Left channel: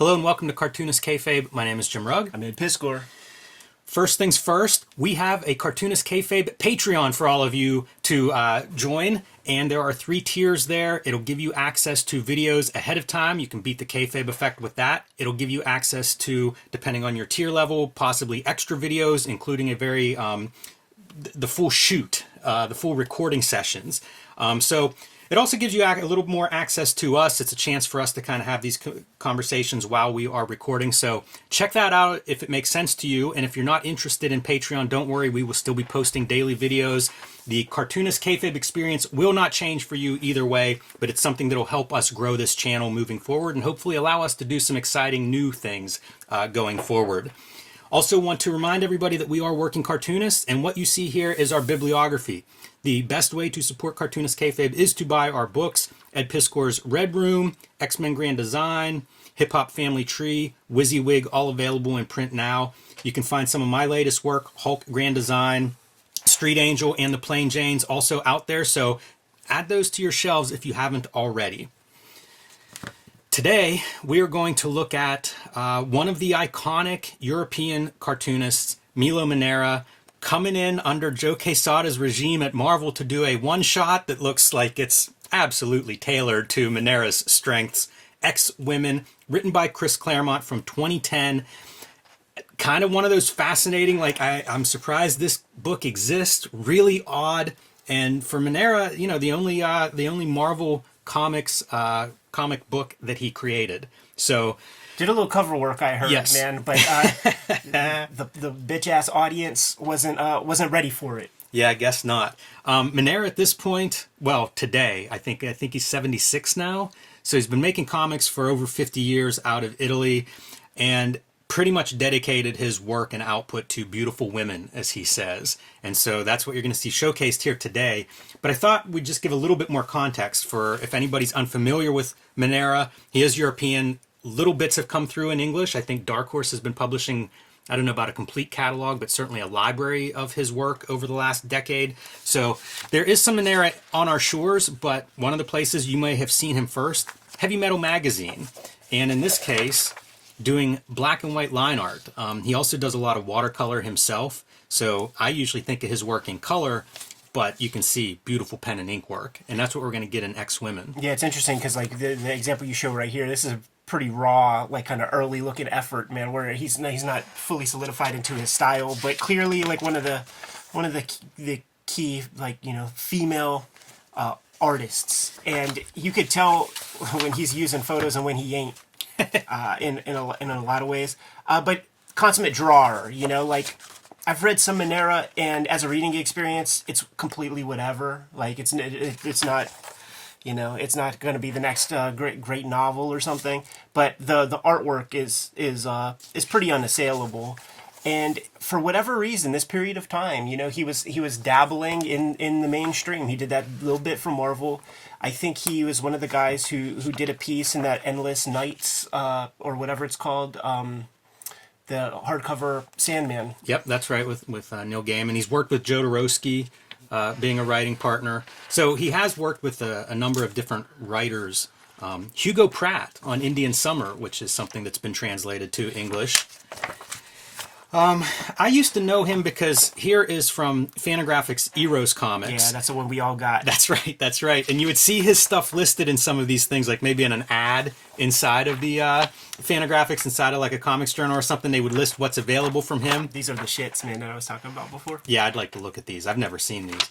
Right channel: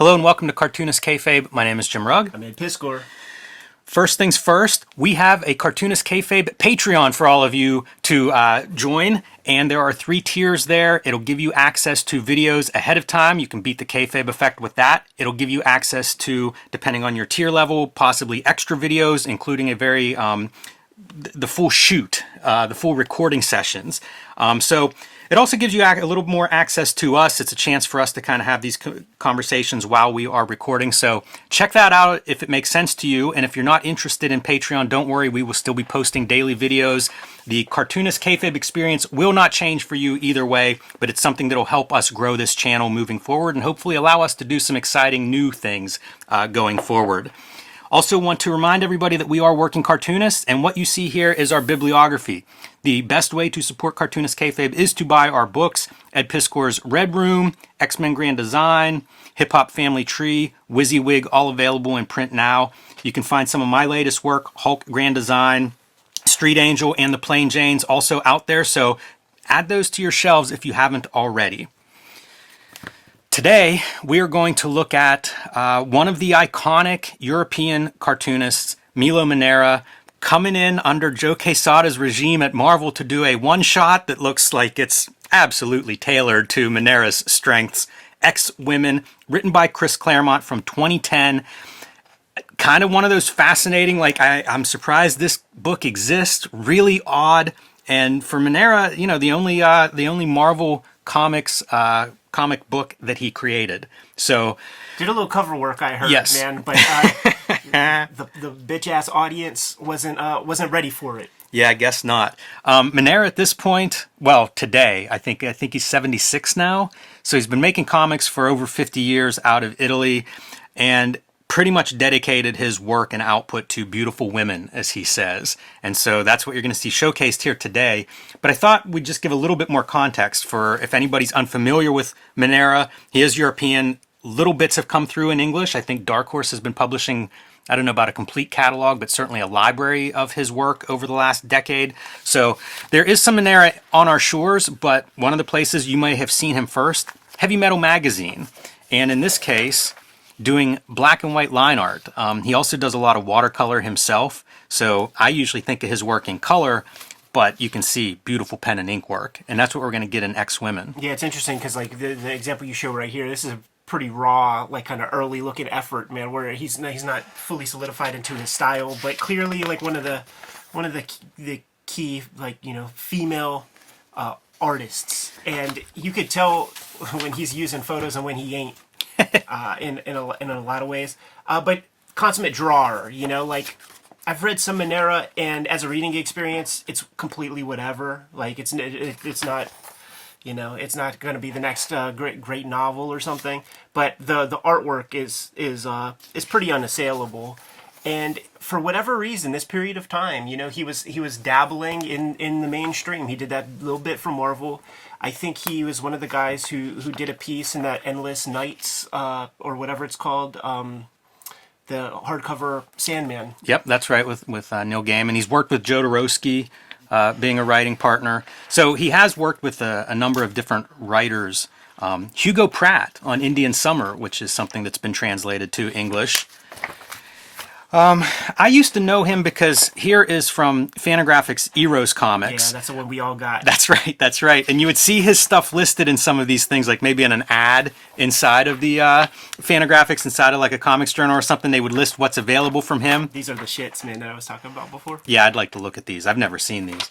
Hello and welcome to Cartoonist Kayfabe. My name is Jim Rugg. I'm Ed Piscor. First things first, we have a Cartoonist Kayfabe Patreon for all of you to join. And there are 3 tiers there. It'll give you access to videos ahead of time. You can beat the kayfabe effect with that. It'll give you access to, depending on your tier level, possibly extra videos, including a very the full shoot, the full recording sessions. So it also gives you a little more access to us. It's a chance for us to kind of have these conversations while we are recording. So check that out if it makes sense to you. And if you're not interested in Patreon, don't worry. We will still be posting daily videos. The Cartoonist Kayfabe experience will not change for you either way, but it's something that will help us grow this channel moving forward and hopefully allow us to do some exciting new things going forward. Also want to remind everybody that we are working cartoonists, and what you see here is our bibliography. The best way to support Cartoonist Kayfabe is to buy our books, Ed Piscor's Red Room, X-Men Grand Design, Hip Hop Family Tree, WYSIWYG, all available in print now. You can find some of my latest work, Hulk Grand Design, Street Angel, and the Plain Janes also out there, so add those to your shelves if you haven't already. Today, we are going to look at one of the iconic European cartoonists, Milo MANARA, coming in under Joe Quesada's regime at Marvel to do a one-shot that looks like it's absolutely tailored to Manara's strengths. X-Women, written by Chris Claremont from 2010. Kind of one of those fascinating, like I'm surprised this book exists, really odd. And for Manara, you know, the only Marvel Comics comic book that he created. So did a little cover work, I heard, yes. man, but the bitch ass audience wasn't ready for it. Yeah, I guess not. Manara at this point, well, today, I think he's 76 now. So he's been making comics for over 50 years out of Italy, and pretty much dedicated his work and output to beautiful women, as he says. And so that's what you're going to see showcased here today. But I thought we'd just give a little bit more context for if anybody's unfamiliar with Manara. He is European. Little bits have come through in English. I think Dark Horse has been publishing, I don't know about a complete catalog, but certainly a library of his work over the last decade. So there is some Manara on our shores, but one of the places you may have seen him first, Heavy Metal Magazine. And in this case, doing black and white line art. He also does a lot of watercolor himself. So I usually think of his work in color, but you can see beautiful pen and ink work. And that's what we're going to get in X-Women. Yeah, it's interesting because like the example you show right here, this is a pretty raw, like kind of early looking effort, man, where he's not fully solidified into his style, but clearly like one of the key, like, you know, female artists. And you could tell when he's using photos and when he ain't. In a lot of ways, but consummate drawer, you know, like I've read some Manara, and as a reading experience, it's completely whatever. Like it's not, you know, it's not going to be the next great novel or something. But the artwork is pretty unassailable. And for whatever reason, this period of time, you know, he was dabbling in the mainstream. He did that little bit for Marvel. I think he was one of the guys who did a piece in that Endless Nights or whatever it's called, the hardcover Sandman. Yep, that's right, with Neil Gaiman. He's worked with Joe Dorowski, being a writing partner. So he has worked with a number of different writers. Hugo Pratt on Indian Summer, which is something that's been translated to English. I used to know him because here is from Fantagraphics Eros Comics. Yeah, that's the one we all got. That's right, that's right. And you would see his stuff listed in some of these things, like maybe in an ad inside of the Fantagraphics, inside of like a comics journal or something. They would list what's available from him. These are the shits, man, that I was talking about before. Yeah, I'd like to look at these. I've never seen these.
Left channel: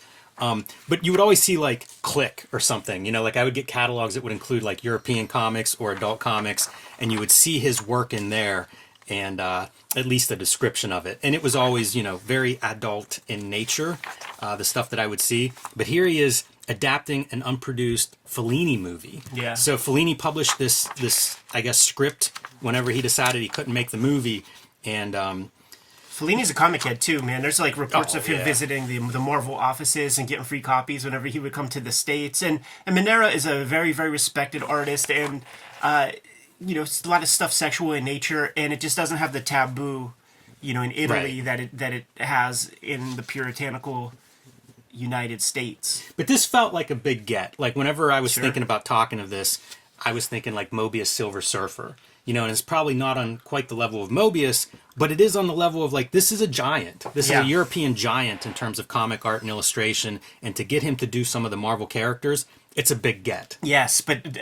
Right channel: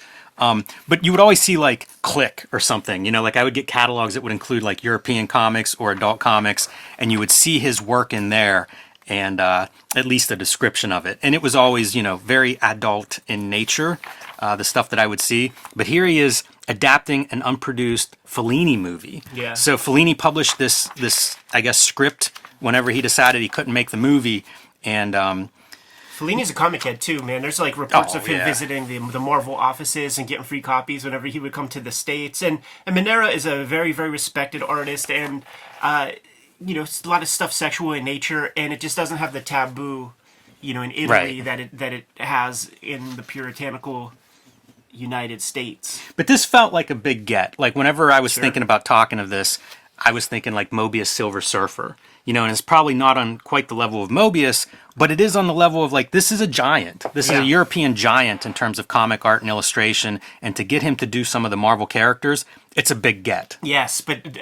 But you would always see like Click or something, you know, like I would get catalogs that would include like European comics or adult comics, and you would see his work in there. And at least a description of it. And it was always, you know, very adult in nature, the stuff that I would see. But here he is adapting an unproduced Fellini movie. Yeah. So Fellini published this I guess, script whenever he decided he couldn't make the movie. And Fellini's a comic head too, man. There's like reports of him visiting the Marvel offices and getting free copies whenever he would come to the States. And Manara is a very, very respected artist, and you know, a lot of stuff sexual in nature, and it just doesn't have the taboo, you know, in Italy that it has in the puritanical United States. But this felt like a big get. Like whenever I was thinking about talking of this, I was thinking like Mobius Silver Surfer. and it's probably not on quite the level of Mobius, but it is on the level of like, this is a giant. This is a European giant in terms of comic art and illustration. And to get him to do some of the Marvel characters, it's a big get. Yes, but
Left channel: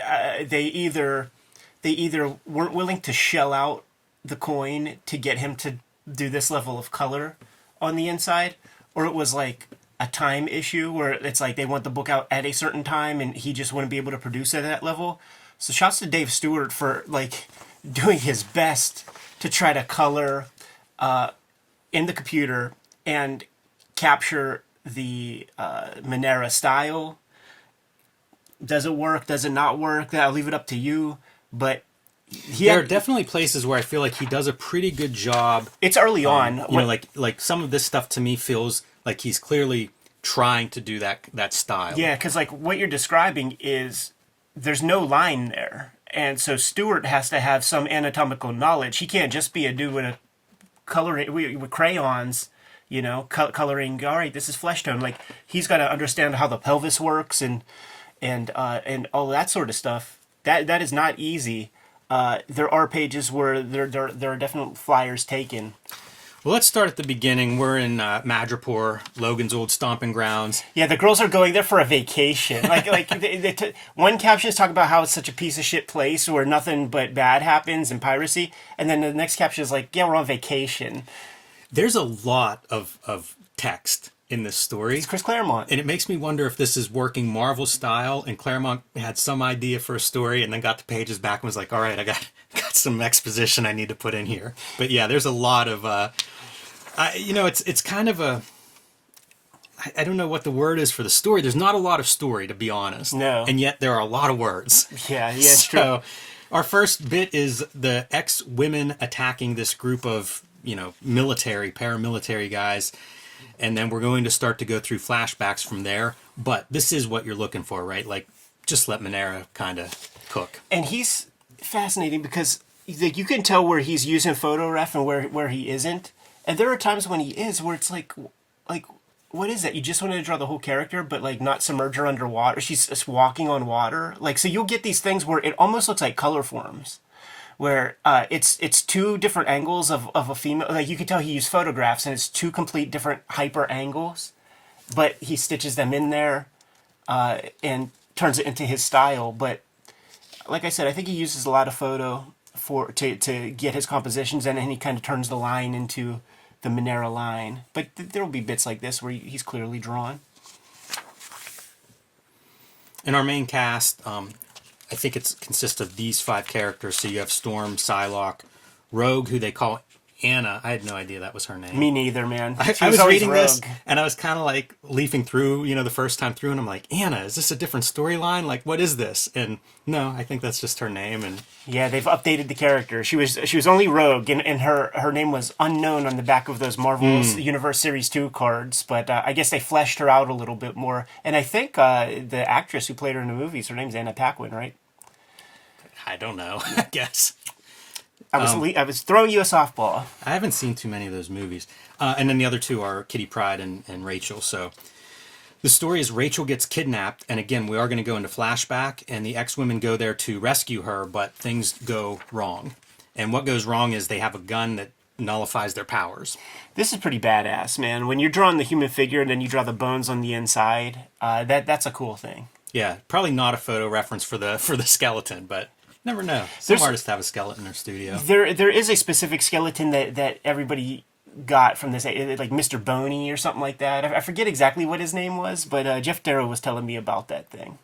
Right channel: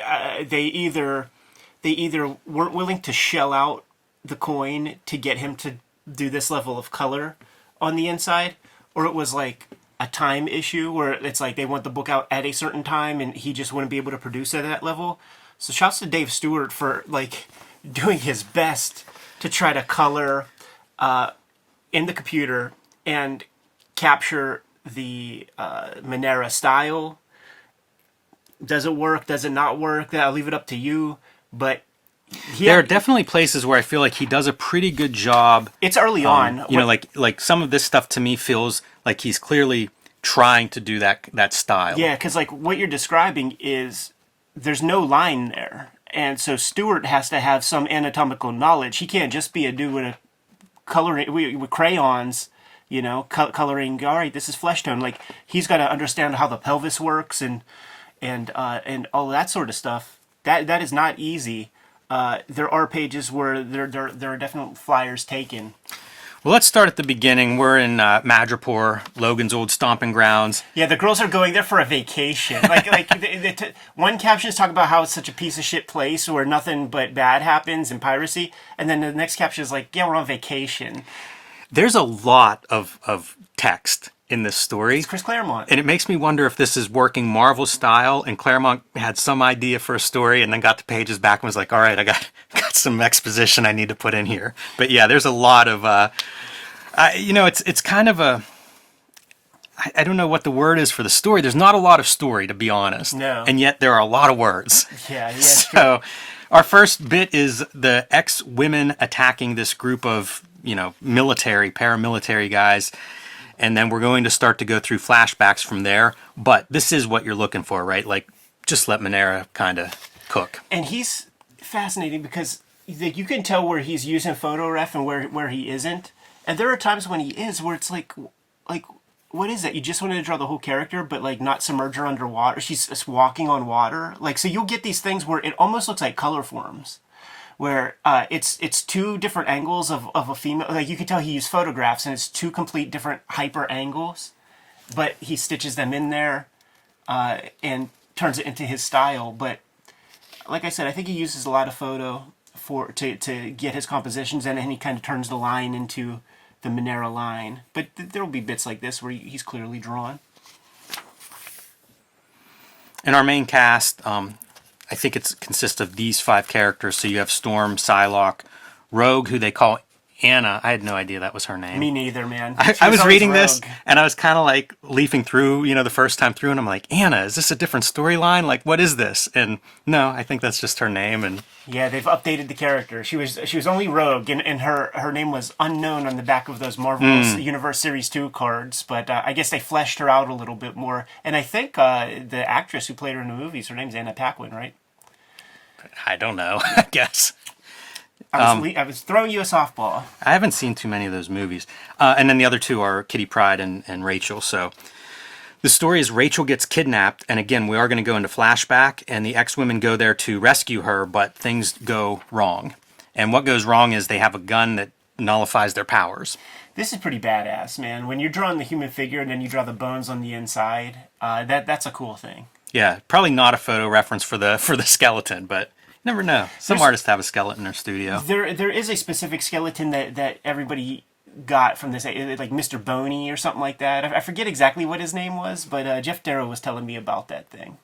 they either weren't willing to shell out the coin to get him to do this level of color on the inside, or it was like a time issue where it's like they want the book out at a certain time and he just wouldn't be able to produce it at that level. So shouts to Dave Stewart for like doing his best to try to color in the computer and capture the Manara style. Does it work? Does it not work? I'll leave it up to you. But there are definitely places where I feel like he does a pretty good job. It's early on. Like some of this stuff to me feels like he's clearly trying to do that style. Yeah, because like what you're describing is there's no line there. And so Stewart has to have some anatomical knowledge. He can't just be a dude with a coloring with crayons, coloring. All right, this is flesh tone. Like he's got to understand how the pelvis works and all that sort of stuff. That is not easy. There are pages where there are definite flyers taken. Well, let's start at the beginning. We're in Madripoor, Logan's old stomping grounds. Yeah, the girls are going there for a vacation. One caption is talking about how it's such a piece of shit place where nothing but bad happens and piracy, and then the next caption is like, yeah, we're on vacation. There's a lot of text in this story. It's Chris Claremont. And it makes me wonder if this is working Marvel style and Claremont had some idea for a story and then got the pages back and was like, all right, I got some exposition I need to put in here. But yeah, there's a lot of, it's kind of I don't know what the word is for the story. There's not a lot of story, to be honest. No. And yet there are a lot of words. Yeah, it's true. So our first bit is the ex-women attacking this group of, paramilitary guys. And then we're going to start to go through flashbacks from there. But this is what you're looking for, right? Like, just let Manara kind of cook. And he's fascinating because you can tell where he's using photo ref and where he isn't. And there are times when he is where it's like, what is that? You just wanted to draw the whole character, but like not submerge her underwater. She's just walking on water. Like, so you'll get these things where it almost looks like color forms. Where it's two different angles of a female. Like you can tell he used photographs and it's two complete different hyper angles, but he stitches them in there and turns it into his style. But like I said, I think he uses a lot of photo to get his compositions in, and he kind of turns the line into the Manara line. But there will be bits like this where he's clearly drawn. In our main cast, I think it consists of these 5 characters. So you have Storm, Psylocke, Rogue, who they call Anna. I had no idea that was her name. Me neither, man. I was reading this, and I was kind of like leafing through, the first time through, and I'm like, Anna, is this a different storyline? Like, what is this? And no, I think that's just her name. And yeah, they've updated the character. She was only Rogue, and her name was unknown on the back of those Marvel Universe Series 2 cards. But I guess they fleshed her out a little bit more. And I think the actress who played her in the movies, her name's Anna Paquin, right? I don't know, I guess. I was throwing you a softball. I haven't seen too many of those movies. And then the other 2 are Kitty Pryde and Rachel. So the story is Rachel gets kidnapped. And again, we are going to go into flashback. And the ex-women go there to rescue her, but things go wrong. And what goes wrong is they have a gun that nullifies their powers. This is pretty badass, man. When you're drawing the human figure and then you draw the bones on the inside, that's a cool thing. Yeah, probably not a photo reference for the skeleton, but... Never know. Some artists have a skeleton in their studio. There is a specific skeleton that everybody got from this, like Mr. Boney or something like that. I forget exactly what his name was, but Jeff Darrow was telling me about that thing.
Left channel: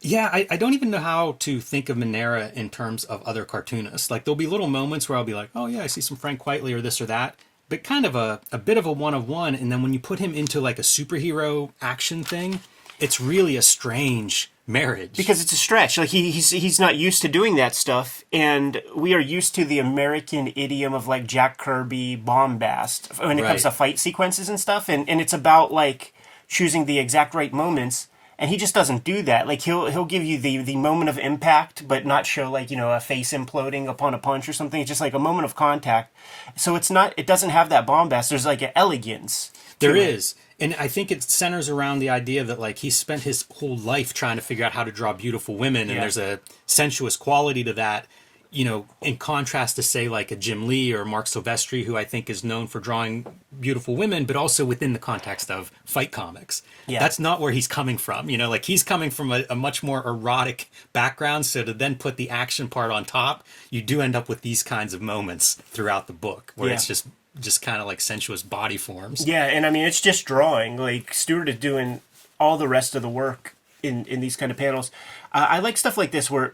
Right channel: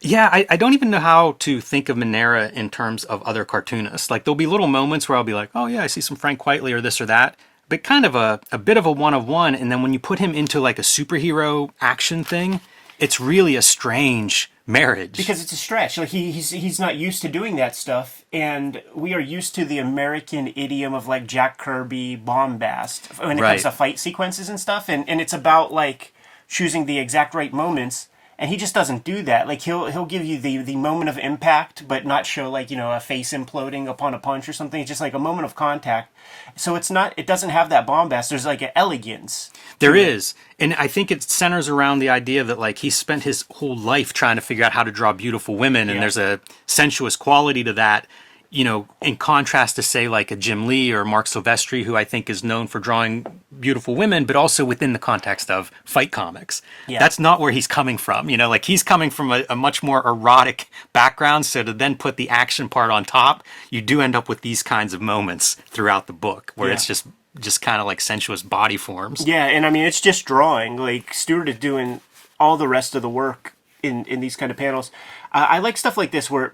Yeah, I don't even know how to think of Manara in terms of other cartoonists. Like, there'll be little moments where I'll be like, oh yeah, I see some Frank Whiteley or this or that. But kind of a bit of a one-of-one. And then when you put him into like a superhero action thing, it's really a strange marriage. Because it's a stretch. Like he's not used to doing that stuff, and we are used to the American idiom of like Jack Kirby bombast when it comes to fight sequences and stuff, and it's about like choosing the exact right moments, And he just doesn't do that. Like he'll give you the moment of impact, but not show like, you know, a face imploding upon a punch or something. It's just like a moment of contact. So it doesn't have that bombast. There's like an elegance. There is. And I think it centers around the idea that like he spent his whole life trying to figure out how to draw beautiful women, and there's a sensuous quality to that. You know, in contrast to say like a Jim Lee or Mark Silvestri, who I think is known for drawing beautiful women, but also within the context of fight comics. Yeah. That's not where he's coming from. You know, like he's coming from a much more erotic background. So to then put the action part on top, you do end up with these kinds of moments throughout the book where it's just kind of like sensuous body forms. Yeah, and I mean, it's just drawing. Like Stewart is doing all the rest of the work in these kind of panels. I like stuff like this where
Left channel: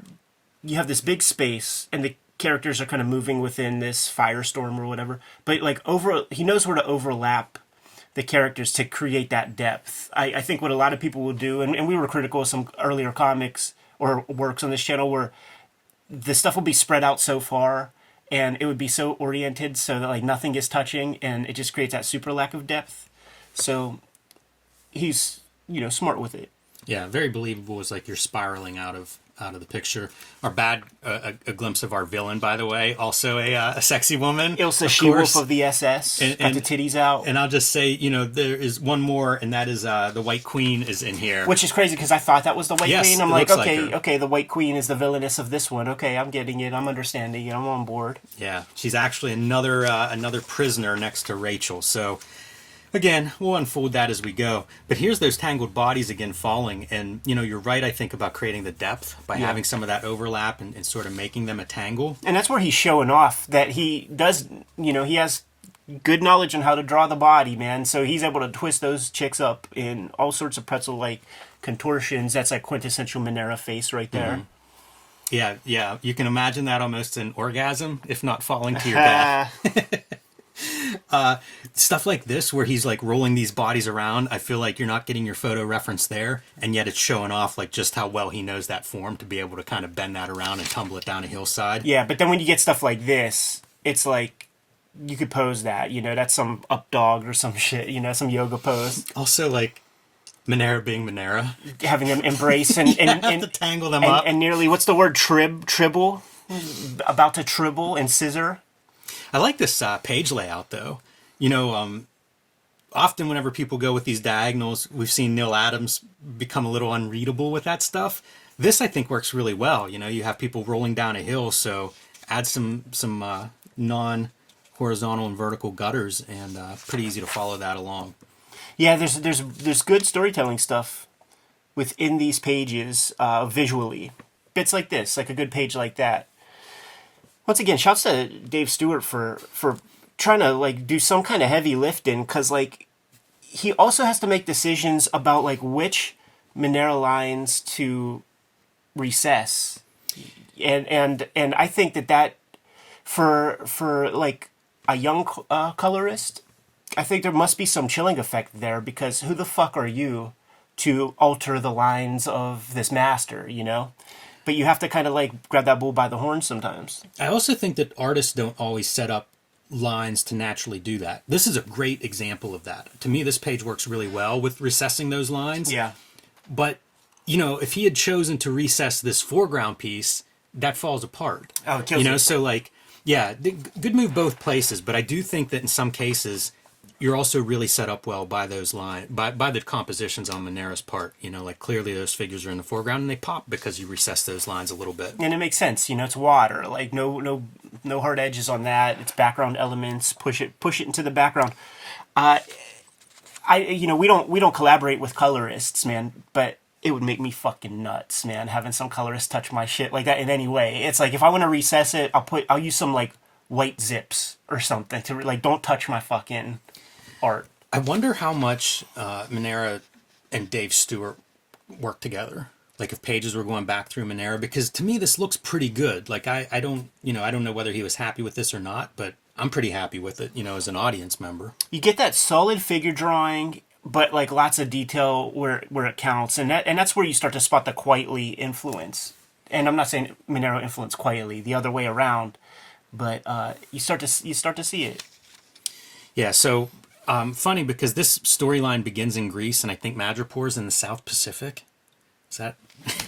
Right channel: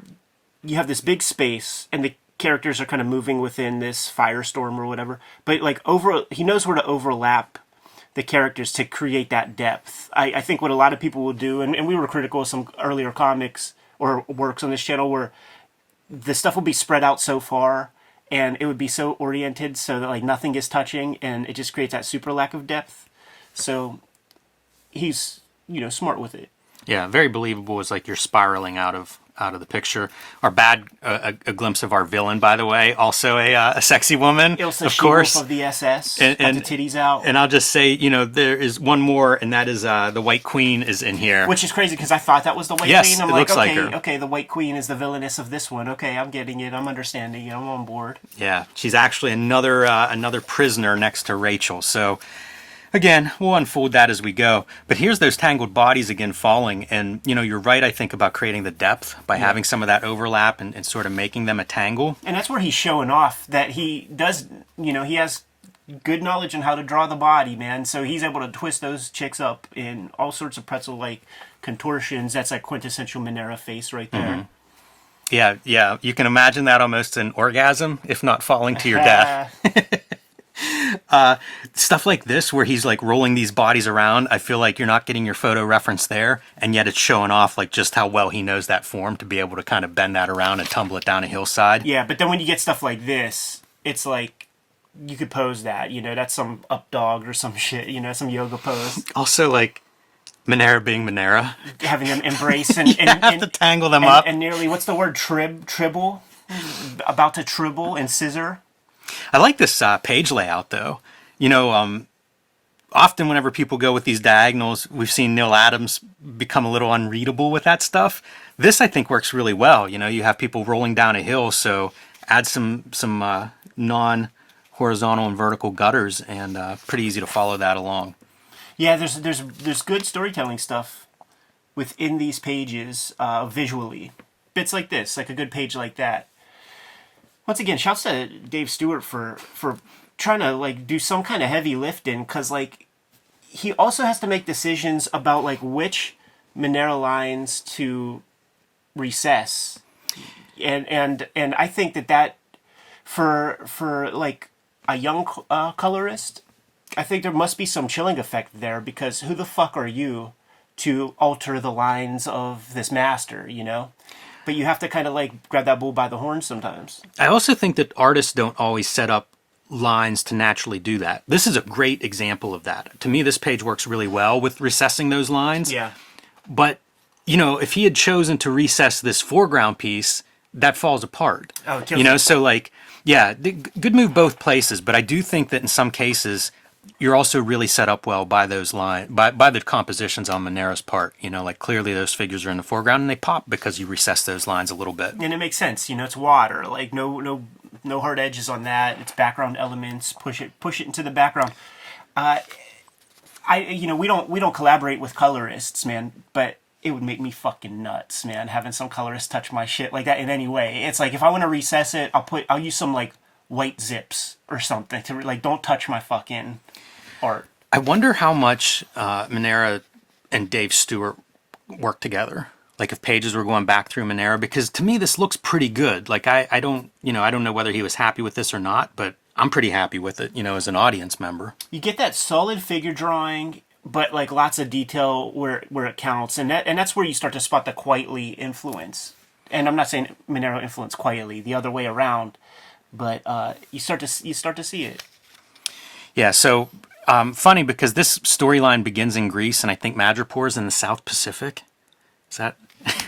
you have this big space and the characters are kind of moving within this firestorm or whatever, but like he knows where to overlap the characters to create that depth. I think what a lot of people will do, and we were critical of some earlier comics or works on this channel where the stuff will be spread out so far and it would be so oriented so that like nothing is touching, and it just creates that super lack of depth. So he's, you know, smart with it. Yeah, very believable. Is like you're spiraling out of the picture. Our a glimpse of our villain, by the way, also a sexy woman. Ilsa She-Wolf of the SS, got the titties out. And I'll just say, you know, there is one more, and that is the White Queen is in here. Which is crazy, because I thought that was the White Queen. I'm like, okay, the White Queen is the villainess of this one. Okay, I'm getting it. I'm understanding it. I'm on board. Yeah, she's actually another prisoner next to Rachel. So again, we'll unfold that as we go. But here's those tangled bodies again falling. And, you know, you're right, I think, about creating the depth by having some of that overlap and sort of making them a tangle. And that's where he's showing off that he does, you know, he has good knowledge on how to draw the body, man. So he's able to twist those chicks up in all sorts of pretzel-like contortions. That's like quintessential Manara face right there. Mm-hmm. Yeah. You can imagine that almost an orgasm, if not falling to your death. Stuff like this where he's like rolling these bodies around, I feel like you're not getting your photo reference there, and yet it's showing off like just how well he knows that form to be able to kind of bend that around and tumble it down a hillside. Yeah, but then when you get stuff like this, it's like you could pose that, you know, that's some up dog or some shit, you know, some yoga pose. Also, like Manara being Manara, having them embrace and have to tangle them up, and nearly, what's the word, tribble, about to tribble and scissor. I like this page layout, though. You know, often whenever people go with these diagonals, we've seen Neil Adams become a little unreadable with that stuff. This, I think, works really well. You know, you have people rolling down a hill, so add some non-horizontal and vertical gutters, and pretty easy to follow that along. Yeah, there's good storytelling stuff within these pages visually. Bits like this, like a good page like that. Once again, shouts to Dave Stewart for trying to like do some kind of heavy lifting, because like he also has to make decisions about like which Manara lines to recess, and I think that for like a young colorist, I think there must be some chilling effect there, because who the fuck are you to alter the lines of this master, you know? But you have to kind of like grab that bull by the horns sometimes. I also think that artists don't always set up lines to naturally do that. This is a great example of that. To me, this page works really well with recessing those lines. Yeah. But, you know, if he had chosen to recess this foreground piece, that falls apart. Oh, it kills you know, it. so like, yeah, good move both places. But I do think that in some cases, you're also really set up well by those lines, by the compositions on Manara's part. You know, like clearly those figures are in the foreground and they pop because you recess those lines a little bit. And it makes sense. You know, it's water. Like no hard edges on that. It's background elements. Push it into the background. We don't collaborate with colorists, man, but it would make me fucking nuts, man, having some colorist touch my shit like that in any way. It's like if I want to recess it, I'll use some like white zips or something to like, don't touch my fucking art. I wonder how much Manara and Dave Stewart work together. Like if pages were going back through Manara, because to me this looks pretty good. Like I don't know whether he was happy with this or not, but I'm pretty happy with it, you know, as an audience member. You get that solid figure drawing, but like lots of detail where it counts, and that's where you start to spot the Quietly influence. And I'm not saying Manara influenced Quietly, the other way around, but you start to see it. Yeah, so funny because this storyline begins in Greece, and I think Madripoor is in the South Pacific. Is that?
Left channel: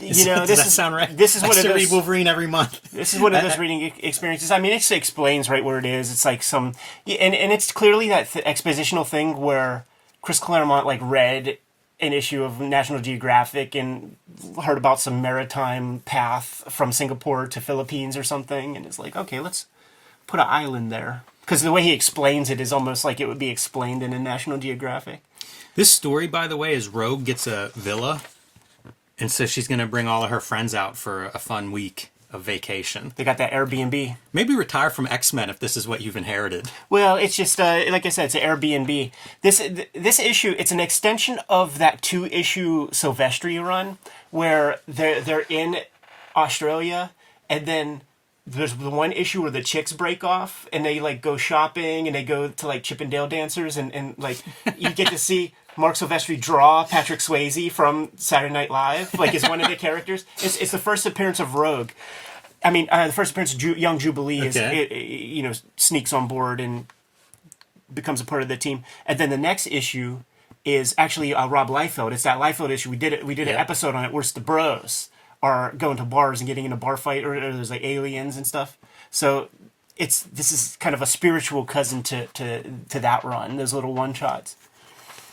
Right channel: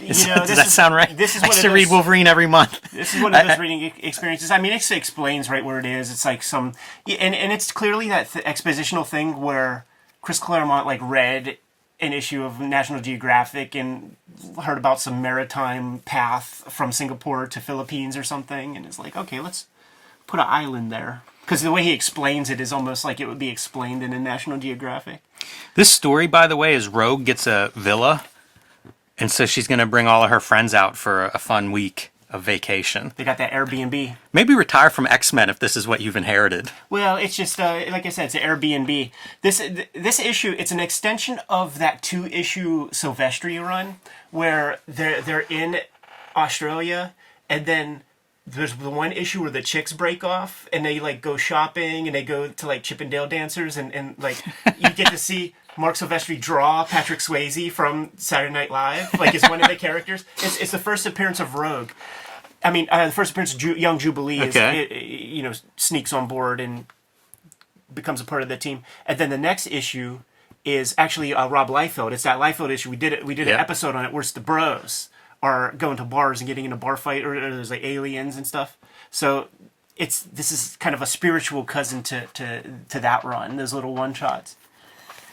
You know, does that sound right? This is I what used it to is. read Wolverine every month. This is one of those reading experiences. I mean, it explains right where it is. It's like some, and it's clearly that expositional thing where Chris Claremont like read an issue of National Geographic and heard about some maritime path from Singapore to Philippines or something, and is like, okay, let's put an island there. Because the way he explains it is almost like it would be explained in a National Geographic. This story, by the way, is Rogue gets a villa, and so she's going to bring all of her friends out for a fun week of vacation. They got that Airbnb. Maybe retire from X-Men if this is what you've inherited. Well, it's just like I said, it's an Airbnb. This issue, it's an extension of that 2-issue Silvestri run where they're in Australia, and then there's the one issue where the chicks break off and they like go shopping and they go to like Chippendale dancers, and like you get to see Mark Silvestri draw Patrick Swayze from Saturday Night Live, like as one of the characters. It's the first appearance of Rogue. I mean, the first appearance of Young Jubilee is, sneaks on board and becomes a part of the team. And then the next issue is actually Rob Liefeld. It's that Liefeld issue. We did an episode on it where it's the bros are going to bars and getting in a bar fight, or there's like aliens and stuff. So this is kind of a spiritual cousin to that run, those little one-shots.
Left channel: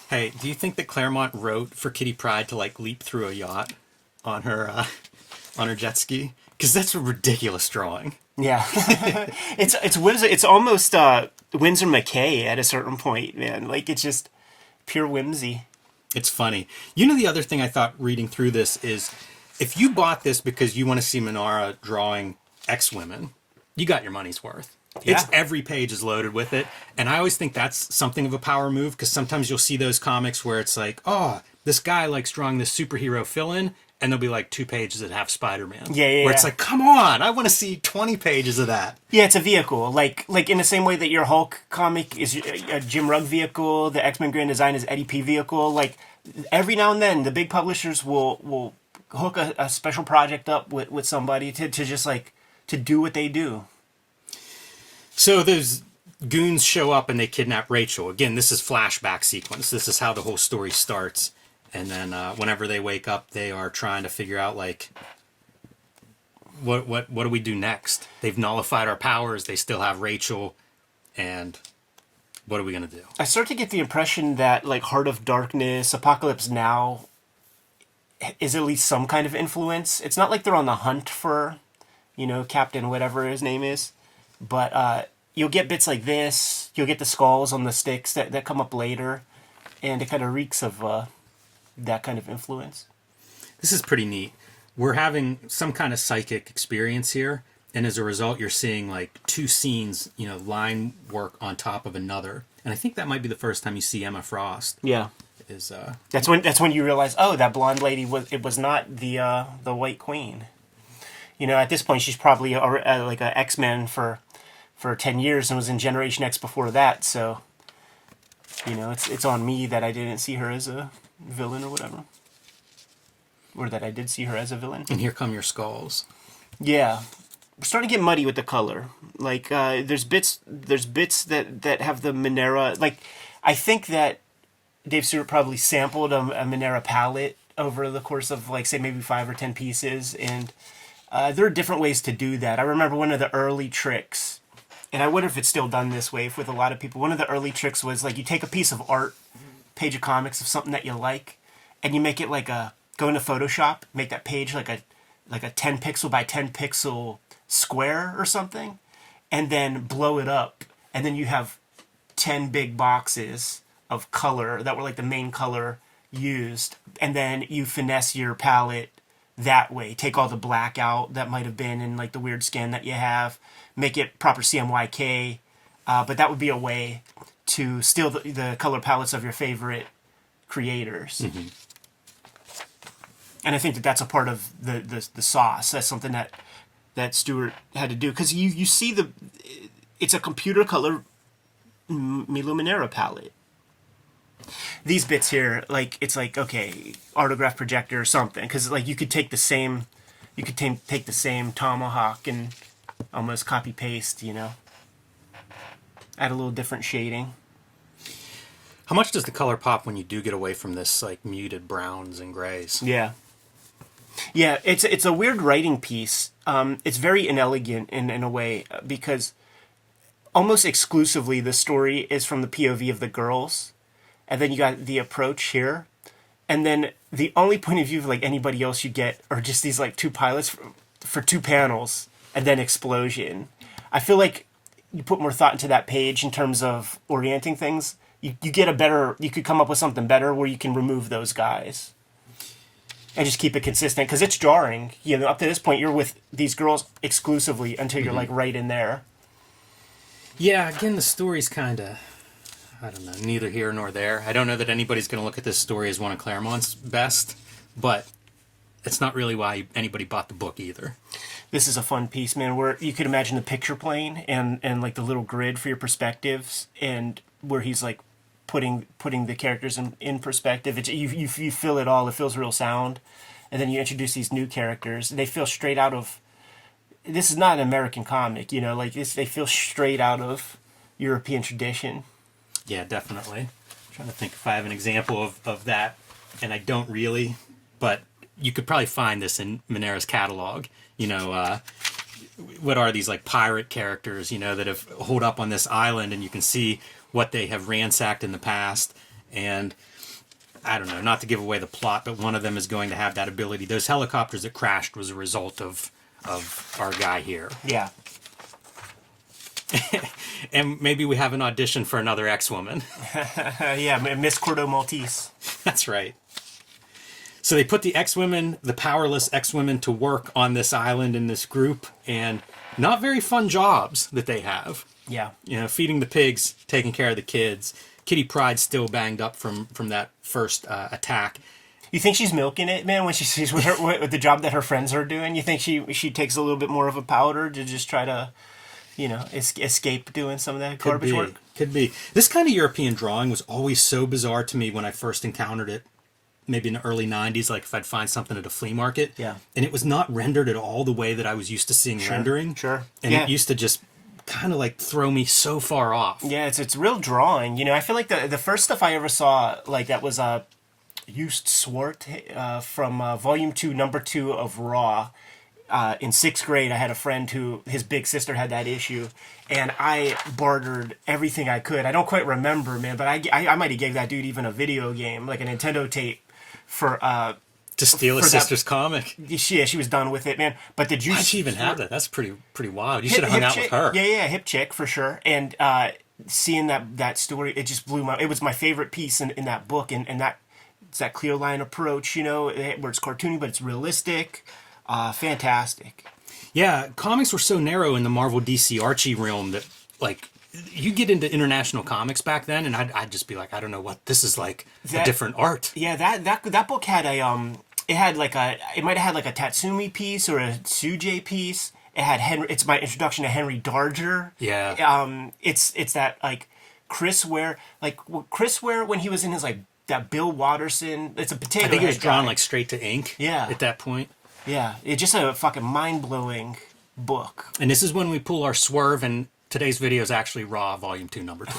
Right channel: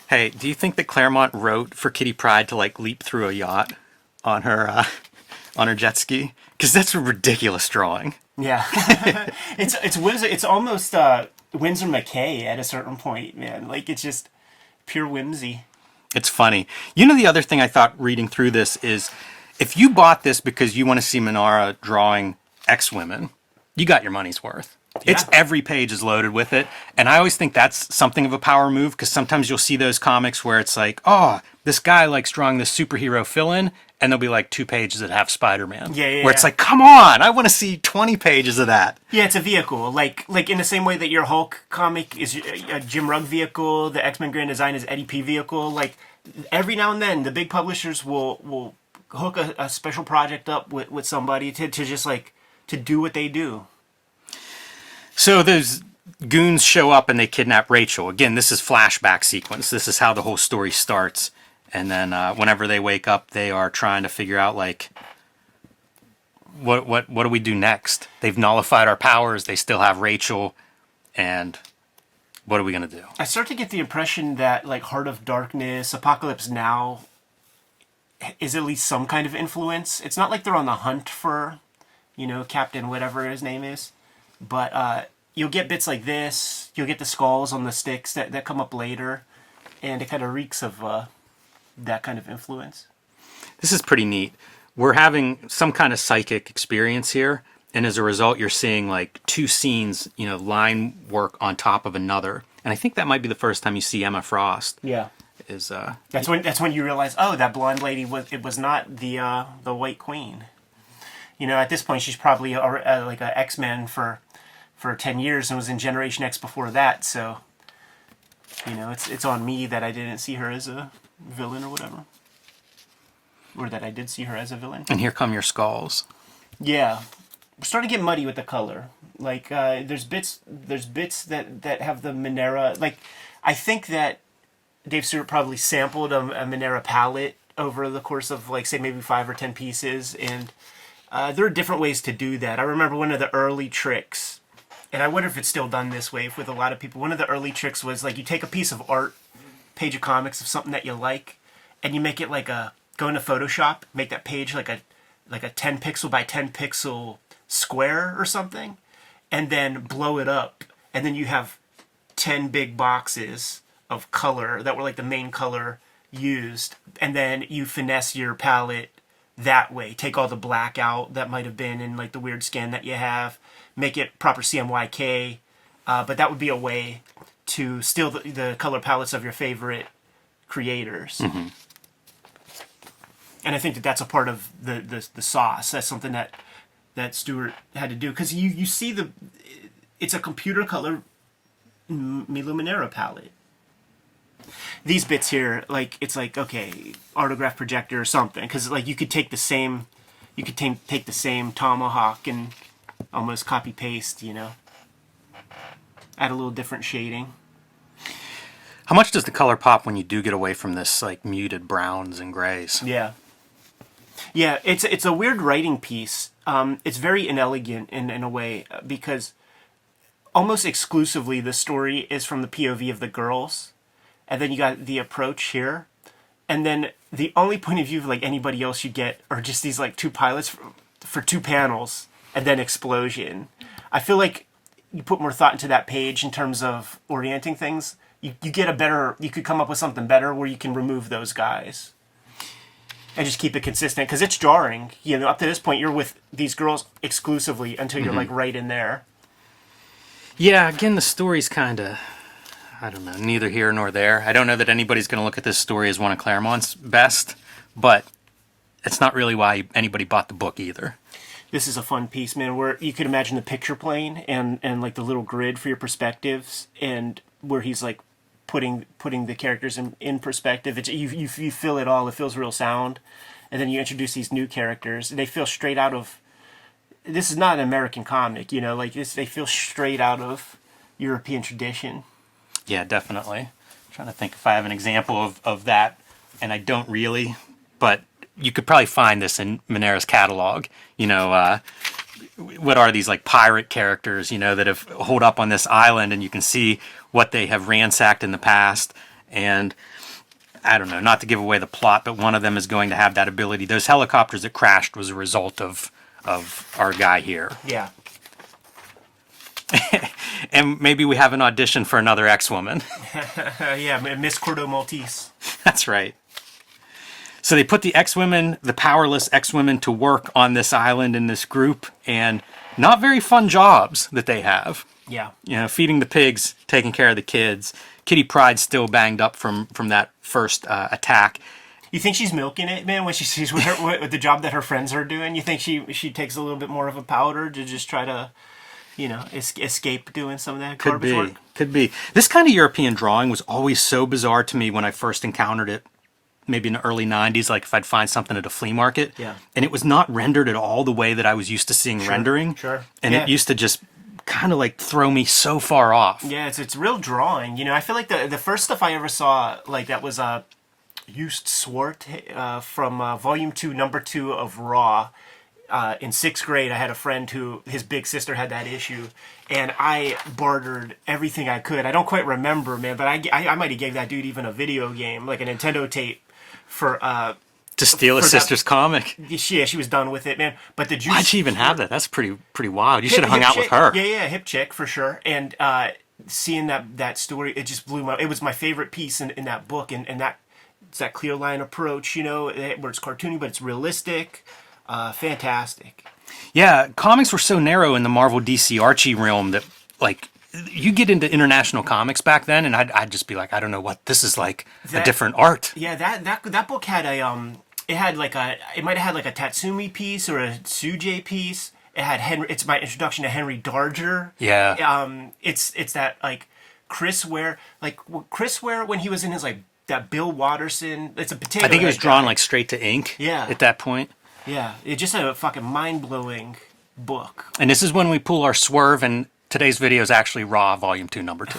Hey, do you think that Claremont wrote for Kitty Pryde to like leap through a yacht on her jet ski? Because that's a ridiculous drawing. Yeah, it's Windsor. It's almost Windsor McKay at a certain point, man. Like it's just pure whimsy. It's funny. You know, the other thing I thought reading through this is, if you bought this because you want to see Manara drawing X-Women, you got your money's worth. Yeah. It's every page is loaded with it. And I always think that's something of a power move, because sometimes you'll see those comics where it's like, oh, this guy likes drawing this superhero fill-in, and there'll be like 2 pages that have Spider-Man. Yeah. Where it's like, come on, I want to see 20 pages of that. Yeah, it's a vehicle. Like in the same way that your Hulk comic is a Jim Rugg vehicle, the X-Men Grand Design is Eddie P vehicle. Like every now and then, the big publishers will hook a special project up with somebody to just like to do what they do. So those goons show up and they kidnap Rachel. Again, this is flashback sequence. This is how the whole story starts. And then whenever they wake up, they are trying to figure out, like, what do we do next? They've nullified our powers. They still have Rachel. And what are we going to do? I start to get the impression that, like, Heart of Darkness, Apocalypse Now is at least some kind of influence. It's not like they're on the hunt for, Captain whatever his name is. But you'll get bits like this. You'll get the skulls on the sticks that come up later. And it kind of reeks of that kind of influence. This is pretty neat. We're having some kind of psychic experience here. And as a result, you're seeing like 2 scenes, line work on top of another. And I think that might be the first time you see Emma Frost. Yeah. That's when you realize, oh, that blonde lady was not the White Queen. At this point, she's probably like an X-Men for 10 years and was in Generation X before that. So, it's on me that I didn't see her as a villain or whatever. Or that I did see her as a villain. And here come your skulls. Yeah. We're starting to get muddy with the color. Like, there's bits that have the Manara. Like, I think that Dave Stewart probably sampled a Manara palette over the course of, like, say, maybe 5 or 10 pieces. And there are different ways to do that. I remember one of the early tricks, and I wonder if it's still done this way with a lot of people. One of the early tricks was, like, you take a piece of art, page of comics of something that you like, and you make it like go into Photoshop, make that page like a 10 pixel by 10 pixel square or something, and then blow it up, and then you have 10 big boxes of color that were like the main color used, and then you finesse your palette that way. Take all the black out that might have been in like the weird scan that you have, make it proper CMYK, but that would be a way to steal the color palettes of your favorite creators. Mm-hmm. And I think that's a part of the sauce. That's something that Stewart had to do, because you see it's a computer color Milo Manara palette. These bits here, like, it's like, okay, autograph projector or something, because like you could take the same tomahawk and almost copy paste, add a little different shading. How much does the color pop when you do get away from this like muted browns and grays? Yeah. Yeah, it's a weird writing piece. It's very inelegant in a way because almost exclusively the story is from the POV of the girls, and then you got the approach here, and then the only point of view of like anybody else you get are just these like two pilots for 2 panels, and then explosion. I feel like you put more thought into that page in terms of orienting things. You get a better. You could come up with something better where you can remove those guys. And just keep it consistent because it's jarring. You know, up to this point, you're with these girls exclusively until you're like right in there. Yeah, again, the story's kind of, I don't know, neither here nor there. I don't know that anybody's going to look at this story as one of Claremont's best, but it's not really why anybody bought the book either. This is a fun piece, man, where you could imagine the picture plane and like the little grid for your perspectives, and where he's like putting the characters in perspective. It's, you feel it all. It feels real sound. And then you introduce these new characters. They feel straight out of... This is not an American comic, you know? Like, they feel straight out of European tradition. Yeah, definitely. I'm trying to think if I have an example of that, and I don't really, but you could probably find this in Manara's catalog. You know, what are these, like, pirate characters, you know, that have holed up on this island, and you can see what they have ransacked in the past. And I don't know, not to give away the plot, but one of them is going to have that ability. Those helicopters that crashed was a result of our guy here. Yeah. And maybe we have an audition for another X-Woman. Yeah, Miss Cordo Maltese. That's right. So they put the X-Women, the powerless X-Women, to work on this island in this group, and not very fun jobs that they have. Yeah. You know, feeding the pigs, taking care of the kids. Kitty Pryde's still banged up from that first attack. You think she's milking it, man, when she sees with the job that her friends are doing? You think she takes a little bit more of a powder to just try to, you know, escape doing some of that garbage work? Could be. This kind of European drawing was always so bizarre to me when I first encountered it, maybe in the early 90s, like if I'd find something at a flea market. Yeah. And it was not rendered at all the way that I was used to seeing rendering. Sure. And yeah. it used to just kind of like throw me so far off. Yeah, it's real drawing. You know, I feel like the first stuff I ever saw, like that was Just Swart from Volume 2, Number 2 of Raw. In 6th grade, I had a friend who, his big sister had that issue, and I bartered everything I could. I don't quite remember, man, but I might have gave that dude even a video game, like a Nintendo tape, for... to steal his sister's comic. Yeah, she was done with it, man. But the juice... Why'd she even have that? That's pretty wild. You should have hung out with her. Yeah, hip chick, for sure. And seeing that story, it just blew my... It was my favorite piece in that book, and that it's that clear line approach, you know, where it's cartoony, but it's realistic. Fantastic. Yeah, comics were so narrow in the Marvel DC Archie realm that, like, you get into international comics back then, and I'd just be like, I don't know what this is, like a different art. Yeah, that book had it might have had like a Tatsumi piece or a Suje piece. It had Henry. It's my introduction to Henry Darger. Yeah. It's that like Chris Ware when he was in his like that Bill Watterson. It's a potato. I think it was Head drawn guy. like straight to ink. Yeah. At that point. Yeah, it's just a fucking mind-blowing book. And this is when we pull our swerve, and today's video is actually Raw, Volume 2, Number 2.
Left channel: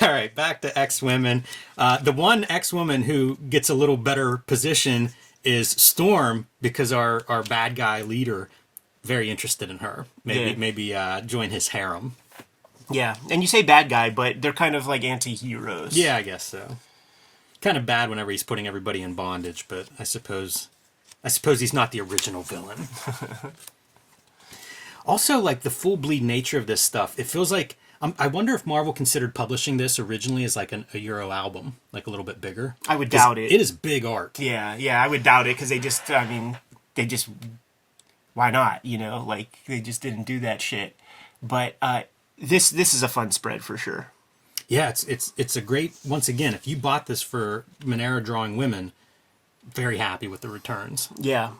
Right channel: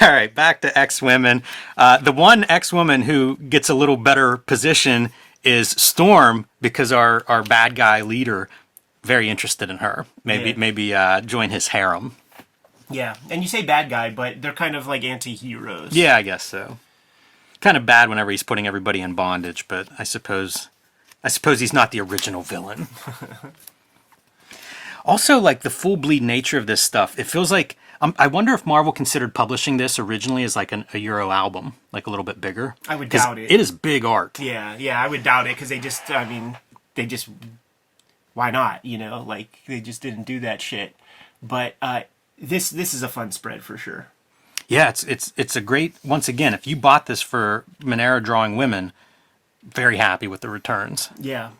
All right, back to X-Women. The one X-Woman who gets a little better position is Storm, because our bad guy leader, very interested in her. Maybe join his harem. Yeah, and you say bad guy, but they're kind of like anti-heroes. Yeah, I guess so. Kind of bad whenever he's putting everybody in bondage, but I suppose he's not the original villain. Also, like the full bleed nature of this stuff, it feels like I wonder if Marvel considered publishing this originally as like a Euro album, like a little bit bigger. I would doubt it. It is big art. Yeah, I would doubt it because why not? You know, like they just didn't do that shit. But this is a fun spread for sure. Yeah, it's a great, once again, if you bought this for Manara drawing women, very happy with the returns. Yeah.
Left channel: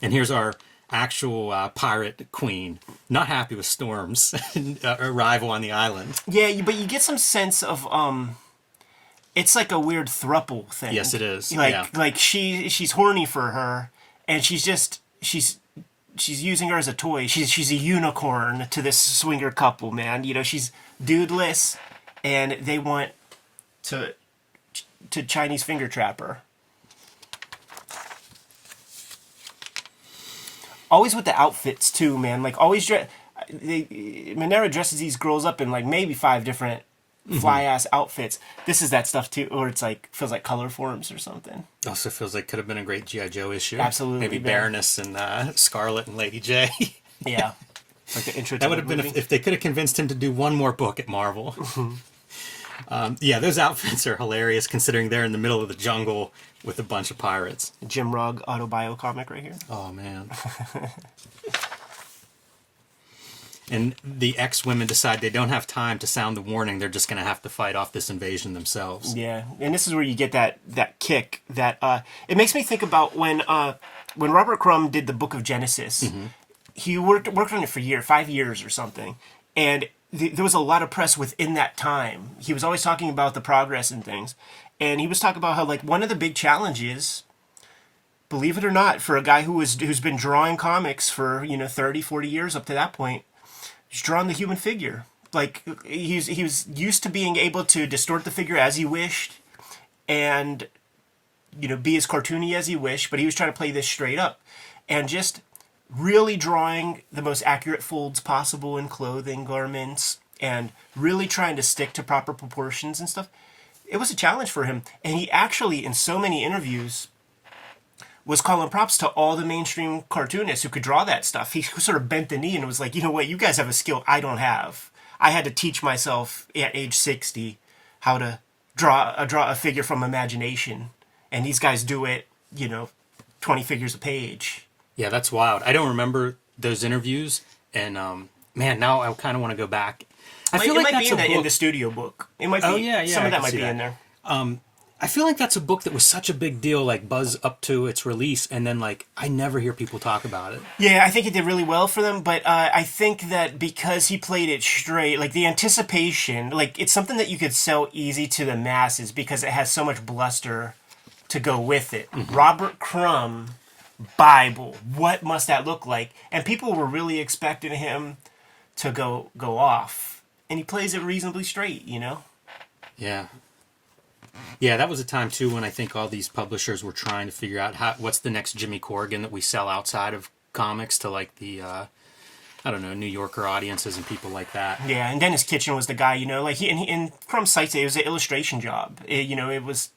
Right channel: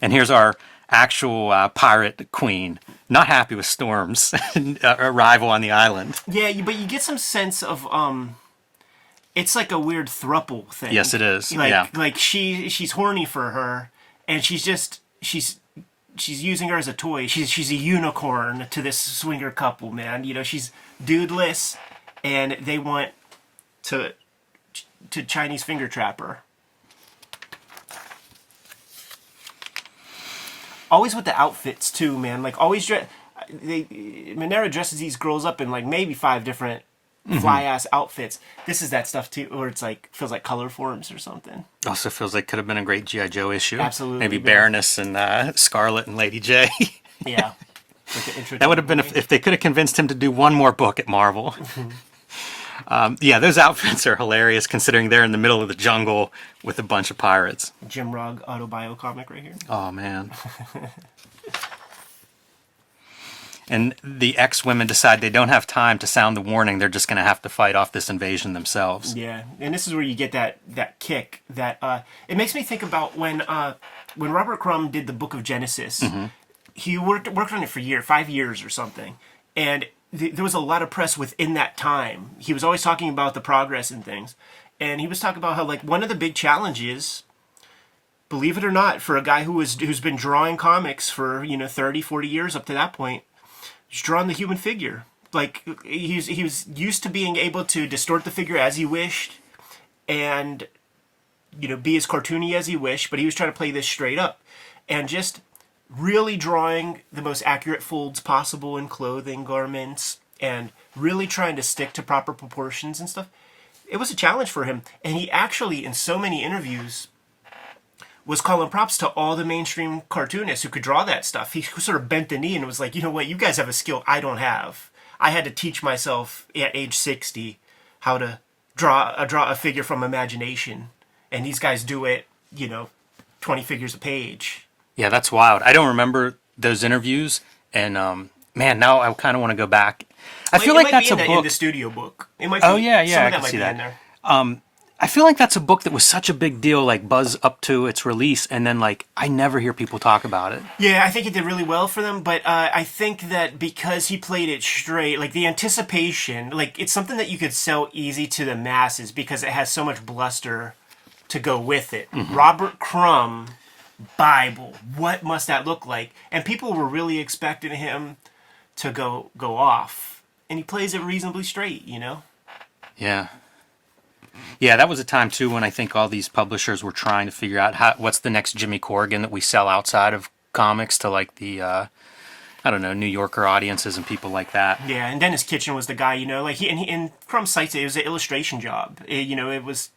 And here's our actual pirate queen, not happy with Storm's arrival on the island. Yeah, but you get some sense of, it's like a weird throuple thing. Yes, it is. Like she's horny for her, and she's using her as a toy. She's a unicorn to this swinger couple, man. You know, she's dudeless, and they want to Chinese finger trap her. always with the outfits too, man. Like always, Manara dresses these girls up in like maybe 5 different fly ass outfits. This is that stuff too, or it's like feels like color forms or something. Also feels like could have been a great G.I. Joe issue. Absolutely, maybe man. Baroness and Scarlet and Lady J. Yeah, like the intro. That would have been if they could have convinced him to do one more book at Marvel. Yeah, those outfits are hilarious considering they're in the middle of the jungle with a bunch of pirates. Jim Rugg autobio comic right here. Oh man. And the X-women decide they don't have time to sound the warning. They're just going to have to fight off this invasion themselves. Yeah, and this is where you get that kick. That it makes me think about when Robert Crumb did the Book of Genesis. He worked on it for 5 years or something, and there was a lot of press within that time. He was always talking about the progress and things, and he was talking about how like one of the big challenges, believe it or not, for a guy who's been drawing comics for 30, 40 years up to that point. He's drawn the human figure. Like he was used to being able to distort the figure as he wished, and be as cartoony as he wished. But he was trying to play this straight up, and just really drawing the most accurate folds possible in clothing, garments, and really trying to stick to proper proportions and stuff. It was a challenge for him, and he actually, in so many interviews, was calling props to all the mainstream cartoonists who could draw that stuff. He sort of bent the knee and was like, you know what, you guys have a skill I don't have. I had to teach myself at age 60 how to draw a figure from imagination. And these guys do it, 20 figures a page. Yeah, that's wild. I don't remember those interviews. And, man, now I kind of want to go back. I feel like that's a book. In the studio book. It might be. Oh, yeah. Some of I that might be that. in there. I feel like that's a book that was such a big deal, like buzz up to its release, and then like I never hear people talk about it. Yeah, I think it did really well for them, but I think that because he played it straight, like the anticipation, like it's something that you could sell easy to the masses because it has so much bluster to go with it. Robert Crumb, Bible, what must that look like? And people were really expecting him to go off, and he plays it reasonably straight, Yeah. Yeah, that was a time, too, when I think all these publishers were trying to figure out what's the next Jimmy Corrigan that we sell outside of comics to, like, the, New Yorker audiences and people like that. Yeah, and Dennis Kitchen was the guy, like, and Crumb cites it was an illustration job. It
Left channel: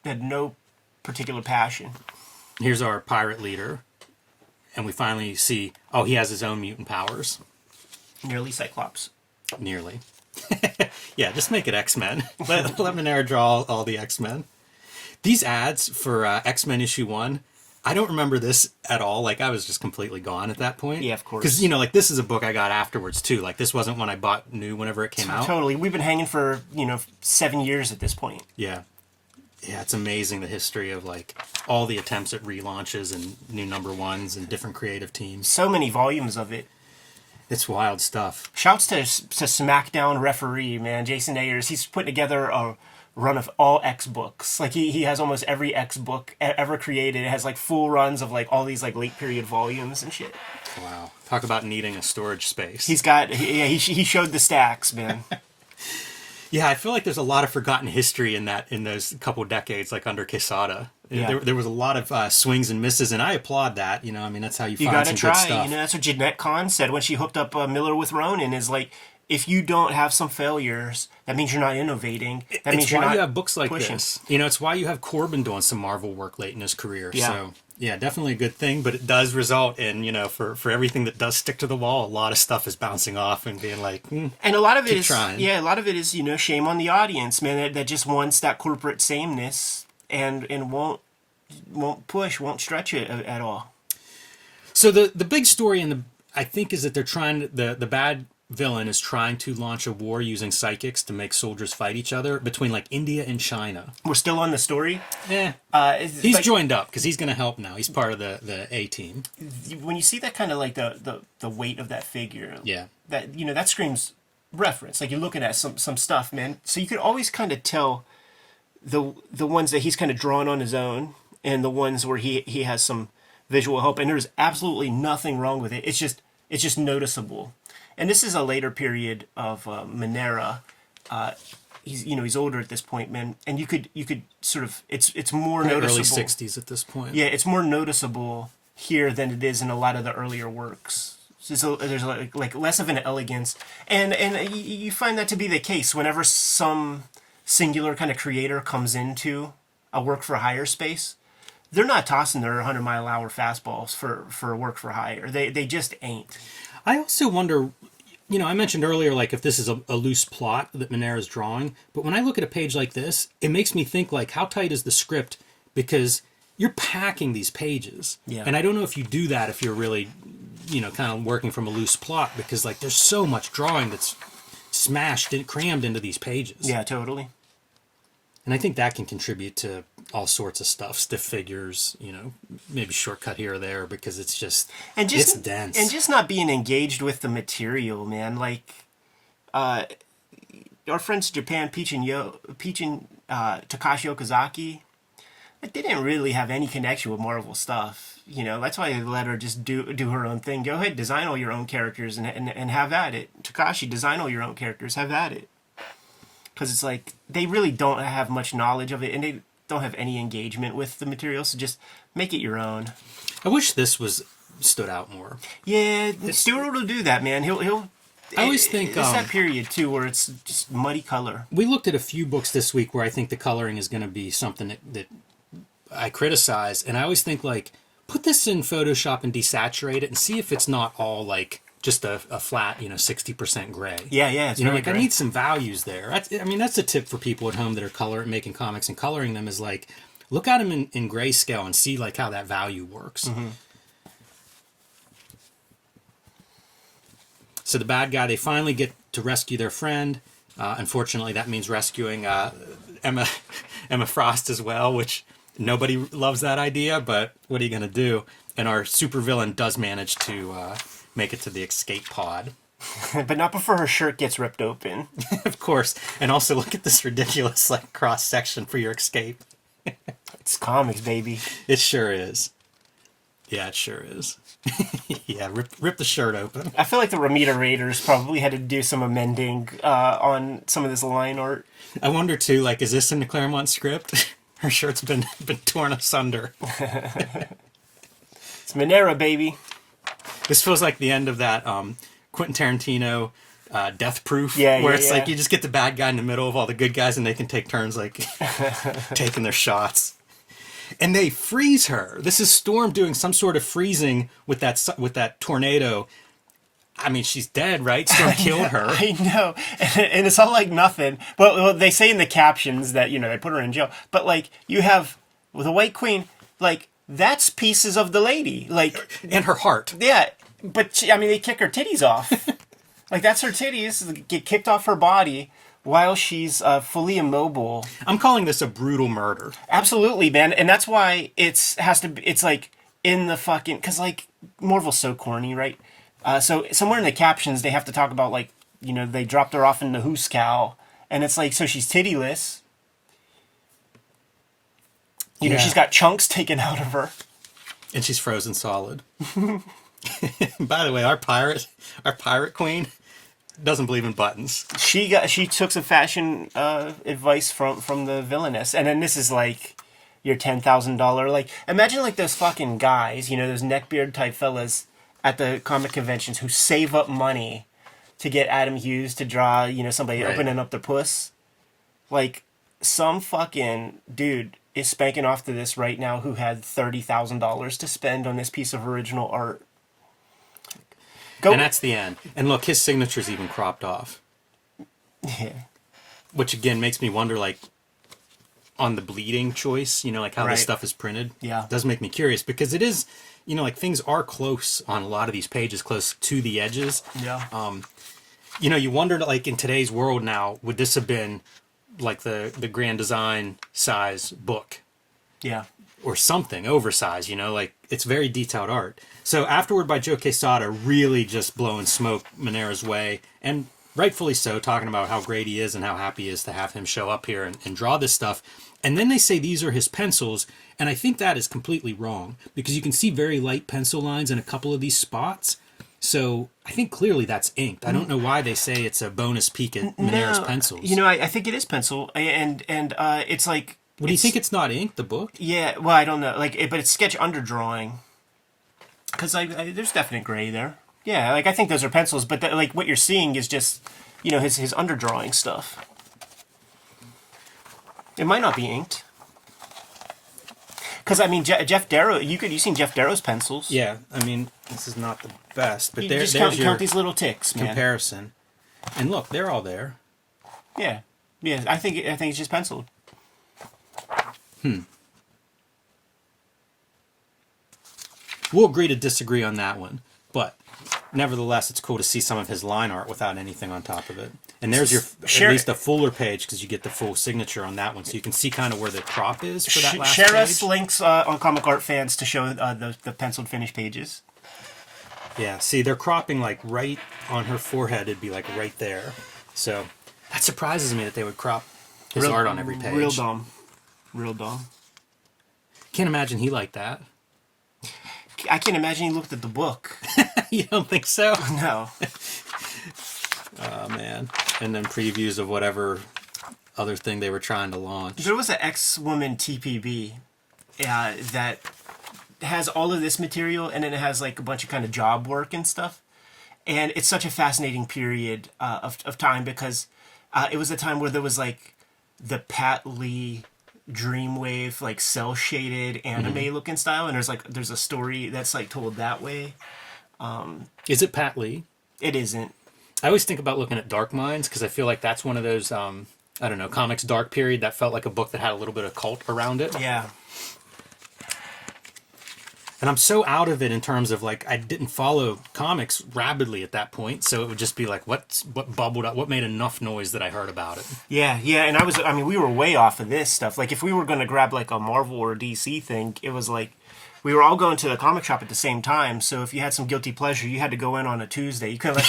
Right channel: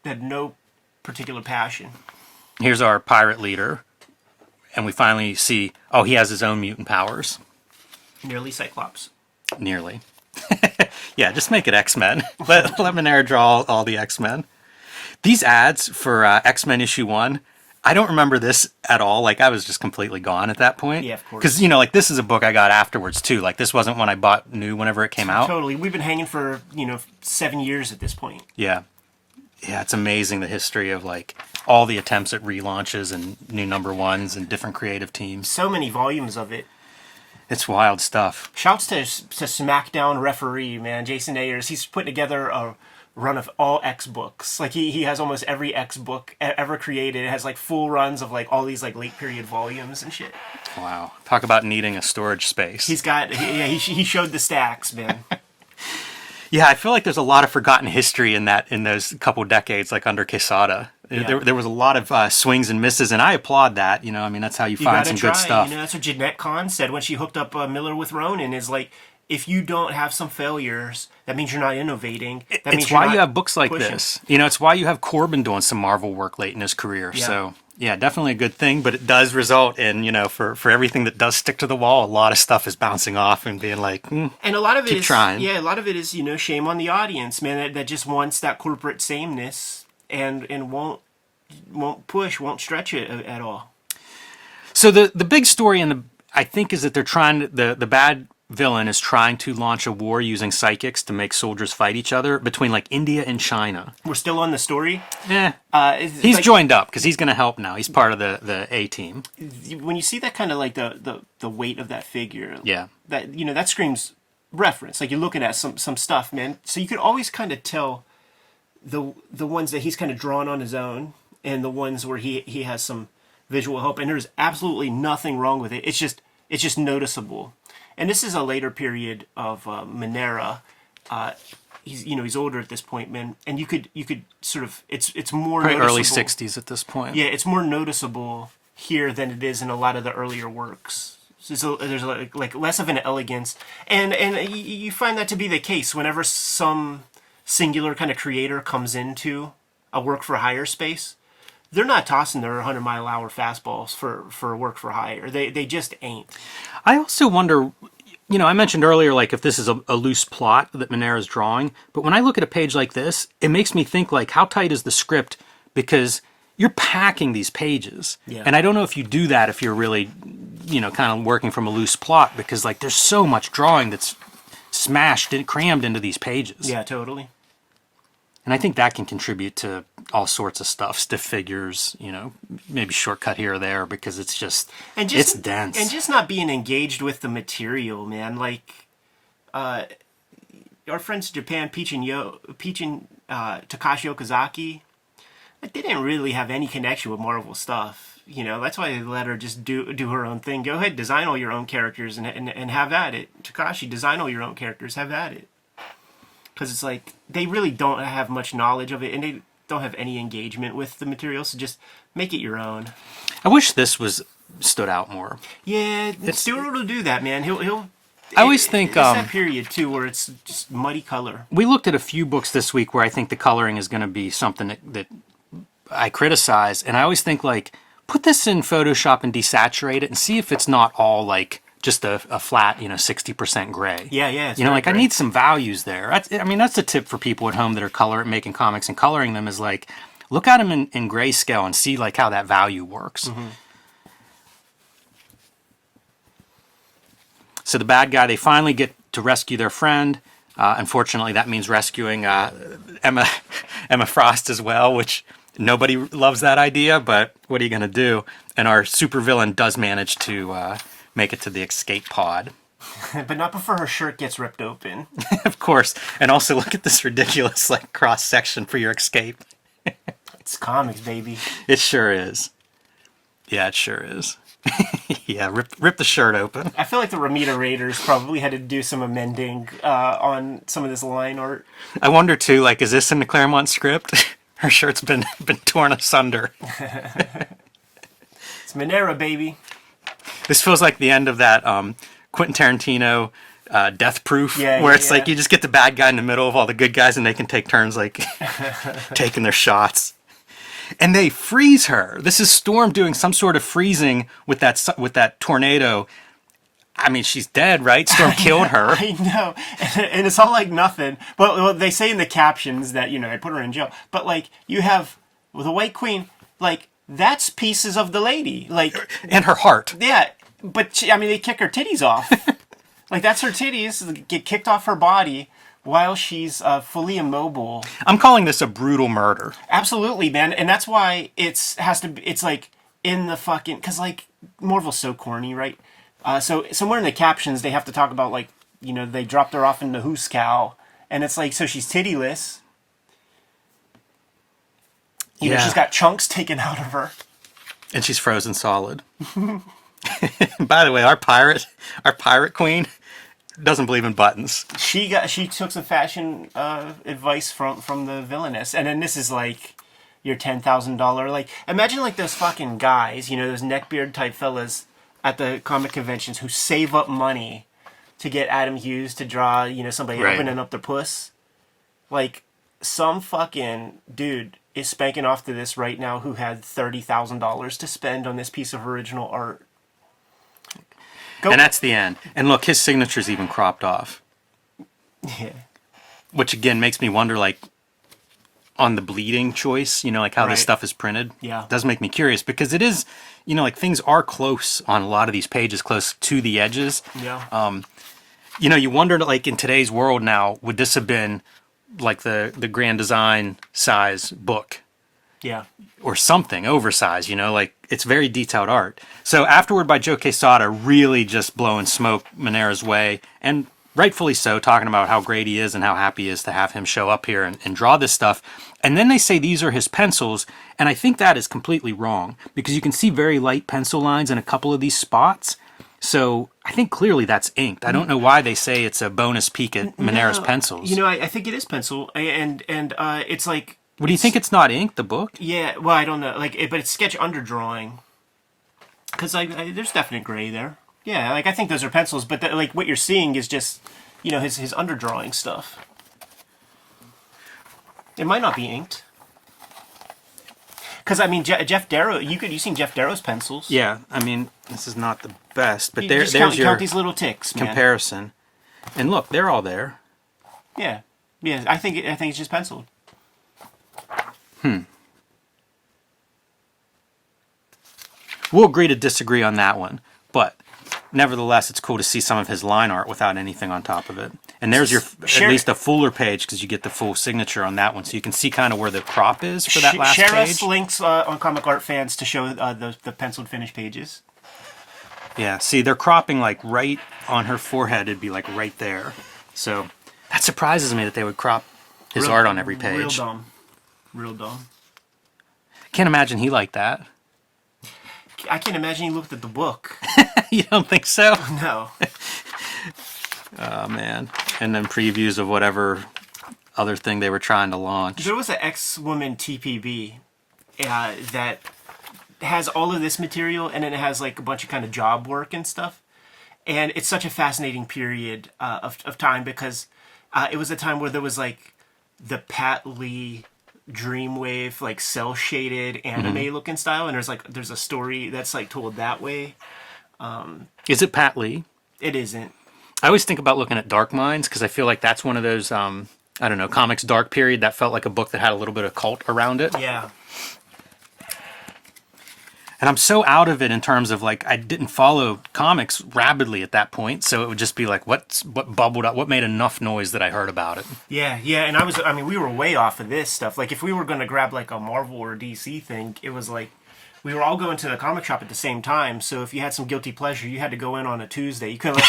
had no particular passion. Here's our pirate leader, and we finally see, he has his own mutant powers. Nearly Cyclops. Nearly. Yeah, just make it X-Men. Let Manara draw all the X-Men. These ads for X-Men issue 1, I don't remember this at all. Like, I was just completely gone at that point. Yeah, of course. Because, this is a book I got afterwards, too. Like, this wasn't one I bought new whenever it came out. Totally. We've been hanging for, 7 years at this point. Yeah. Yeah, it's amazing the history of, like, all the attempts at relaunches and new number ones and different creative teams. So many volumes of it. It's wild stuff. Shouts to SmackDown referee, man, Jason Ayers. He's putting together a run of all X books. Like he has almost every X book ever created. It has like full runs of like all these like late period volumes and shit. Wow, talk about needing a storage space. He showed the stacks, man. Yeah, I feel like there's a lot of forgotten history in those couple decades, like under Quesada. Yeah. There was a lot of swings and misses, and I applaud that. That's how you find some good stuff. That's what Jeanette Kahn said when she hooked up Miller with Ronin. Is like, if you don't have some failures, that means you're not innovating. That means you're not. It's why you have books like this. It's why you have Corbin doing some Marvel work late in his career. Yeah. So yeah, definitely a good thing. But it does result in for everything that does stick to the wall, a lot of stuff is bouncing off and being like. And a lot of it is trying. Yeah, a lot of it is shame on the audience, man. That just wants that corporate sameness and won't push, won't stretch it at all. So the big story I think is that they're trying the bad villain is trying to launch a war using psychics to make soldiers fight each other between like India and China. We're still on the story? He's like, joined up because he's going to help now. He's part of the A team. When you see that kind of like the weight of that figure, yeah, that screams reference. Like you're looking at some stuff, man. So you could always kind of tell the ones that he's kind of drawn on his own and the ones where he has some visual help. And there's absolutely nothing wrong with it. It's just noticeable. And this is a later period of Manara. He's older at this point, man. And you could sort of it's more probably noticeable. Early 60s at this point. Yeah, it's more noticeable here than it is in a lot of the earlier works. So there's like less of an elegance, and you find that to be the case whenever some singular kind of creator comes into a work for hire space. They're not tossing their 100-mile-an-hour fastballs for work for hire. They just ain't. I also wonder, I mentioned earlier, like, if this is a loose plot that Manara's drawing, but when I look at a page like this, it makes me think, like, how tight is the script? Because you're packing these pages. Yeah. And I don't know if you do that if you're really, kind of working from a loose plot, because, like, there's so much drawing that's smashed and crammed into these pages. Yeah, totally. And I think that can contribute to all sorts of stuff, stiff figures, maybe shortcut here or there, because it's just dense. And just not being engaged with the material, man. Like, our friends in Japan, Peach and Takashi Okazaki, they didn't really have any connection with Marvel stuff. That's why they let her just do her own thing. Go ahead, design all your own characters and have at it. Takashi, design all your own characters, have at it. Because it's like, they really don't have much knowledge of it, and they don't have any engagement with the material, so just make it your own. I wish this stood out more. Yeah, Stewart will do that, man. He'll. I always think... It's that period, too, where it's just muddy color. We looked at a few books this week where I think the coloring is going to be something that I criticize, and I always think, like, put this in Photoshop and desaturate it and see if it's not all, like, just a flat, 60% gray. Yeah, it's very like, gray. I need some values there. That's a tip for people at home that are making comics and coloring them, is, like, look at them in grayscale and see, like, how that value works. Mm-hmm. So the bad guy, they finally get to rescue their friend. Unfortunately, that means rescuing Emma Frost as well, which nobody loves that idea, but what are you going to do? And our supervillain does manage to make it to the escape pod. But not before her shirt gets ripped open. Of course. And also look at this ridiculous, like, cross-section for your escape. It's comics, baby. It sure is. Yeah, it sure is. Yeah, rip the shirt open. I feel like the Ramita Raiders probably had to do some amending on some of this line art. I wonder, too, like, is this in the Claremont script? Her shirt's been torn asunder. It's Manara, baby. This feels like the end of that Quentin Tarantino Death Proof, where it's like you just get the bad guy in the middle of all the good guys and they can take turns, like, taking their shots. And they freeze her. This is Storm doing some sort of freezing with that tornado. I mean, she's dead, right? Storm killed her. I know. And it's all like nothing. Well, they say in the captions that, they put her in jail. But, like, you have the White Queen, like, that's pieces of the lady. Like, and her heart. Yeah. But, they kick her titties off. Like, that's her titties get kicked off her body while she's fully immobile. I'm calling this a brutal murder. Absolutely, man. And that's why it's like in the fucking, because, like, Marvel's so corny, right? So somewhere in the captions they have to talk about, like, they dropped her off in the Hooskow, and it's like, so she's tittyless. She's got chunks taken out of her, and she's frozen solid. By the way, our pirate queen doesn't believe in buttons. She took some fashion advice from the villainess, and then this is like your $10,000. Like, imagine, like, those fucking guys, those neckbeard type fellas at the comic conventions who save up money to get Adam Hughes to draw, somebody opening up their puss. Like, some fucking dude is spanking off to this right now who had $30,000 to spend on this piece of original art. And that's the end. And look, his signature's even cropped off. Yeah. Which, again, makes me wonder, like, on the bleeding choice, like how this stuff is printed. Yeah. It does make me curious, because it is, like, things are close on a lot of these pages, close to the edges. Yeah. You wonder, like, in today's world now, would this have been, like, the Grand Design size book? Yeah. Or something oversized, like, it's very detailed art. So Afterward by Joe Quesada really just blowing smoke Manara's way, and rightfully so, talking about how great he is and how happy he is to have him show up here and draw this stuff. And then they say these are his pencils, and I think that is completely wrong, because you can see very light pencil lines in a couple of these spots. So I think clearly that's inked. I don't know why they say it's a bonus peek at Manara's pencils. I think it is pencil, and it's like... Do you think it's not inked, the book? Yeah, well, I don't know. Like, but it's sketch underdrawing. Because there's definite gray there. Yeah, like I think those are pencils, but like what you're seeing is just, you know, his underdrawing stuff. It might not be inked. Because I mean, Jeff Darrow, you've seen Jeff Darrow's pencils. Yeah, I mean, this is not the best, but Just there's count these little ticks, man. comparison. And look, they're all there. Yeah, yeah. I think it's just penciled. We'll agree to disagree on that one, but nevertheless, it's cool to see some of his line art without anything on top of it. And there's your at least a fuller page because you get the full signature on that one, so you can see kind of where the crop is for that last Share page. us links on Comic Art Fans to show the penciled finished pages. Yeah, see, they're cropping like right on her forehead. It'd be like right there. So that surprises me that they would crop his art on every page. Real dumb. Real dumb. Can't imagine he liked that. I can't imagine he looked at the book. You don't think so? No. Oh, man. And then previews of whatever other thing they were trying to launch. There was an X-Woman TPB that has all of this material, and then it has like a bunch of kind of job work and stuff. And it's such a fascinating period of time because it was a time where there was like the Pat Lee Dreamwave, like cell shaded anime looking style, and there's a story that's like told that way. Is it Pat Lee? It isn't. I always think about looking at Dark Minds because I feel like that's one of those, I don't know, comics dark period that felt like a book that had a little bit of cult around it. Yeah. And I'm so out of it in terms of like I didn't follow comics rapidly at that point, so it would just be like what bubbled up, what made enough noise that I heard about it. Yeah, and we were way off of this stuff. Like if we were going to grab like a Marvel or DC thing, it was like we were all going to the comic shop at the same time. So if you had some guilty pleasure, you had to go in on a Tuesday. You couldn't let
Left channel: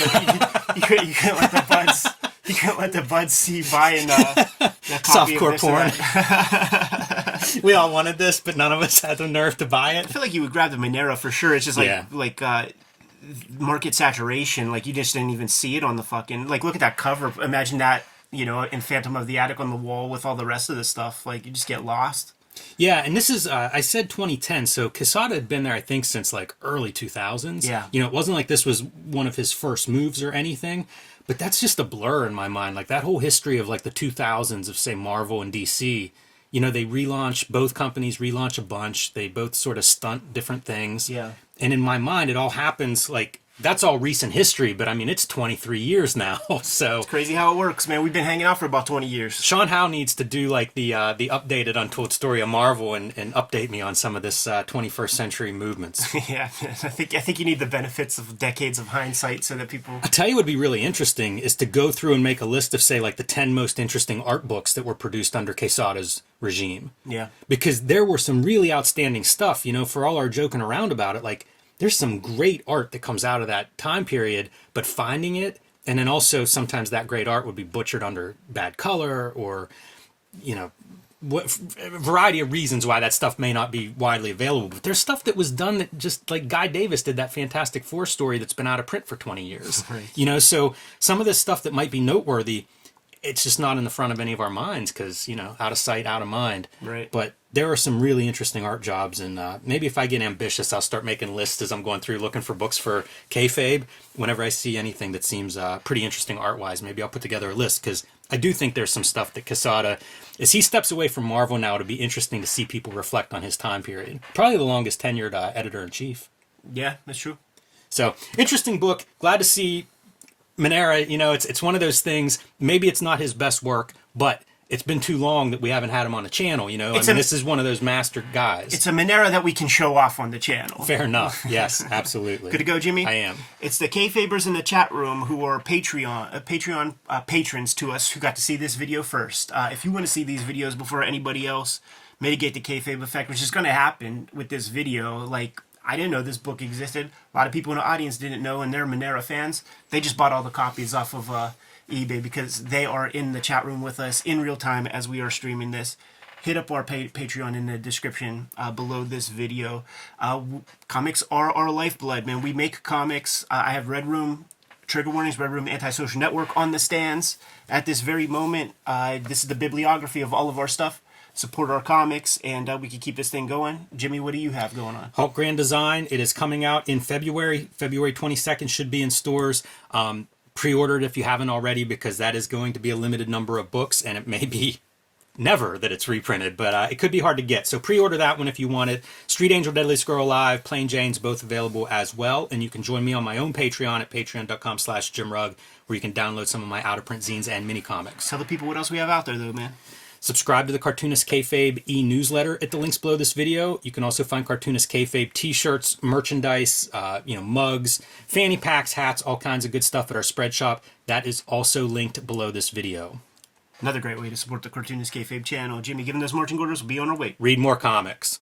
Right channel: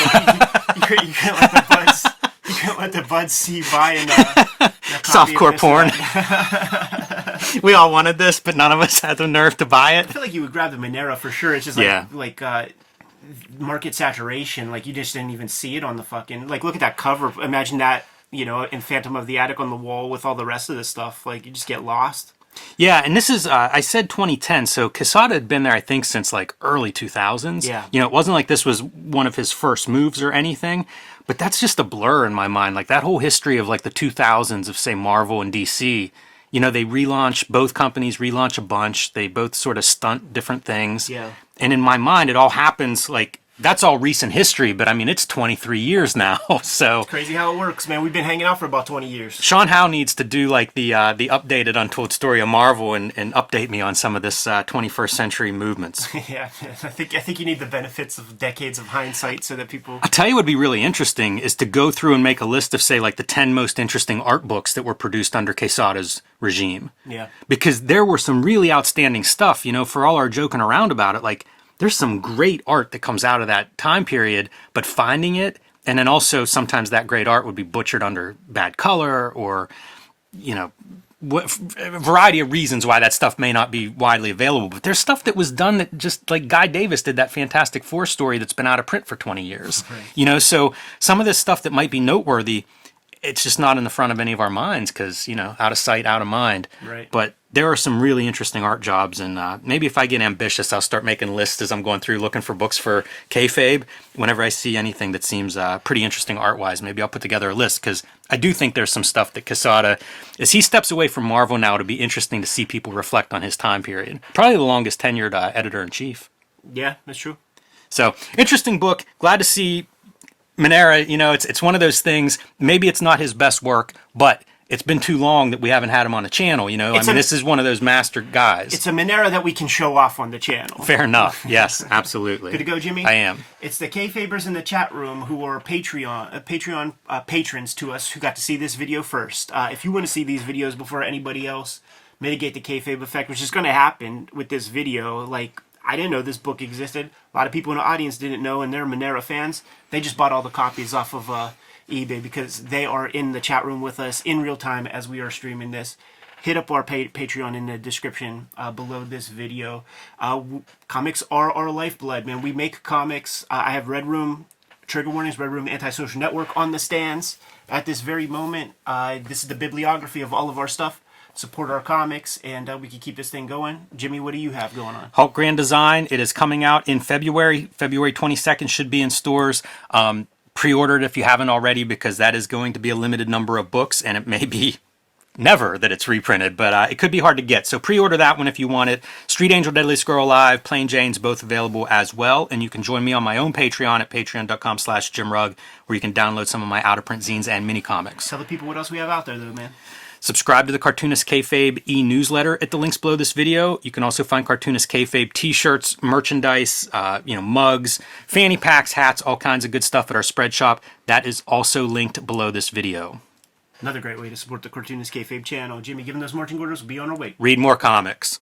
the buds see you buying the copy Softcore of porn. We all wanted this, but none of us had the nerve to buy it. I feel like you would grab the Manara for sure. It's just like market saturation. Like you just didn't even see it on the fucking, like look at that cover. Imagine that, you know, in Phantom of the Attic on the wall with all the rest of the stuff. Like you just get lost. Yeah, and this is, I said 2010, so Quesada had been there, I think, since like early 2000s. Yeah. You know, it wasn't like this was one of his first moves or anything, but that's just a blur in my mind. Like that whole history of like the 2000s of, say, Marvel and DC, you know, they both companies relaunch a bunch. They both sort of stunt different things. Yeah. And in my mind, it all happens like, that's all recent history, but I mean, it's 23 years now, so... It's crazy how it works, man. We've been hanging out for about 20 years. Sean Howe needs to do like the updated Untold Story of Marvel and update me on some of this 21st century movements. Yeah, I think you need the benefits of decades of hindsight so that people... I'll tell you what would be really interesting is to go through and make a list of, say, like the 10 most interesting art books that were produced under Quesada's regime. Yeah. Because there were some really outstanding stuff, you know, for all our joking around about it, like... There's some great art that comes out of that time period, but finding it, and then also sometimes that great art would be butchered under bad color or, you know, a variety of reasons why that stuff may not be widely available. But there's stuff that was done that just, like Guy Davis did that Fantastic Four story that's been out of print for 20 years. Right. You know, so some of this stuff that might be noteworthy, it's just not in the front of any of our minds because, you know, out of sight, out of mind. Right. But there are some really interesting art jobs, and maybe if I get ambitious, I'll start making lists as I'm going through looking for books for Kayfabe. Whenever I see anything that seems pretty interesting art-wise, maybe I'll put together a list because I do think there's some stuff that Quesada, as he steps away from Marvel now, it'll be interesting to see people reflect on his time period. Probably the longest tenured editor-in-chief. Yeah, that's true. So, interesting book. Glad to see Manara. You know, it's one of those things, maybe it's not his best work, but it's been too long that we haven't had him on the channel, you know. This is one of those master guys. It's a Manara that we can show off on the channel. Fair enough. Yes, absolutely. Good to go, Jimmy? I am. It's the Kayfabers in the chat room who are Patreon patrons to us who got to see this video first. If you want to see these videos before anybody else, mitigate the Kayfabe effect, which is going to happen with this video. Like, I didn't know this book existed. A lot of people in the audience didn't know, and they're Manara fans. They just bought all the copies off of eBay because they are in the chat room with us in real time as we are streaming this. Hit up our Patreon in the description below this video. Comics are our lifeblood, man. We make comics. I have Red Room, Trigger Warnings, Red Room Antisocial Network on the stands at this very moment. This is the bibliography of all of our stuff. support our comics, and we can keep this thing going. Jimmy, what do you have going on? Hulk Grand Design. It is coming out in February. February 22nd should be in stores. Pre-order it if you haven't already, because that is going to be a limited number of books, and it may be never that it's reprinted, but it could be hard to get. So pre-order that one if you want it. Street Angel, Deadliest Girl Alive, Plain Jane's both available as well. And you can join me on my own Patreon at patreon.com/JimRugg, where you can download some of my out-of-print zines and mini comics. Tell the people what else we have out there, though, man. Subscribe to the Cartoonist Kayfabe e-newsletter at the links below this video. You can also find Cartoonist Kayfabe t-shirts, merchandise, mugs, fanny packs, hats, all kinds of good stuff at our spread shop. That is also linked below this video. Another great way to support the Cartoonist Kayfabe channel. Jimmy, given those marching orders, we'll be on our way. Read more comics.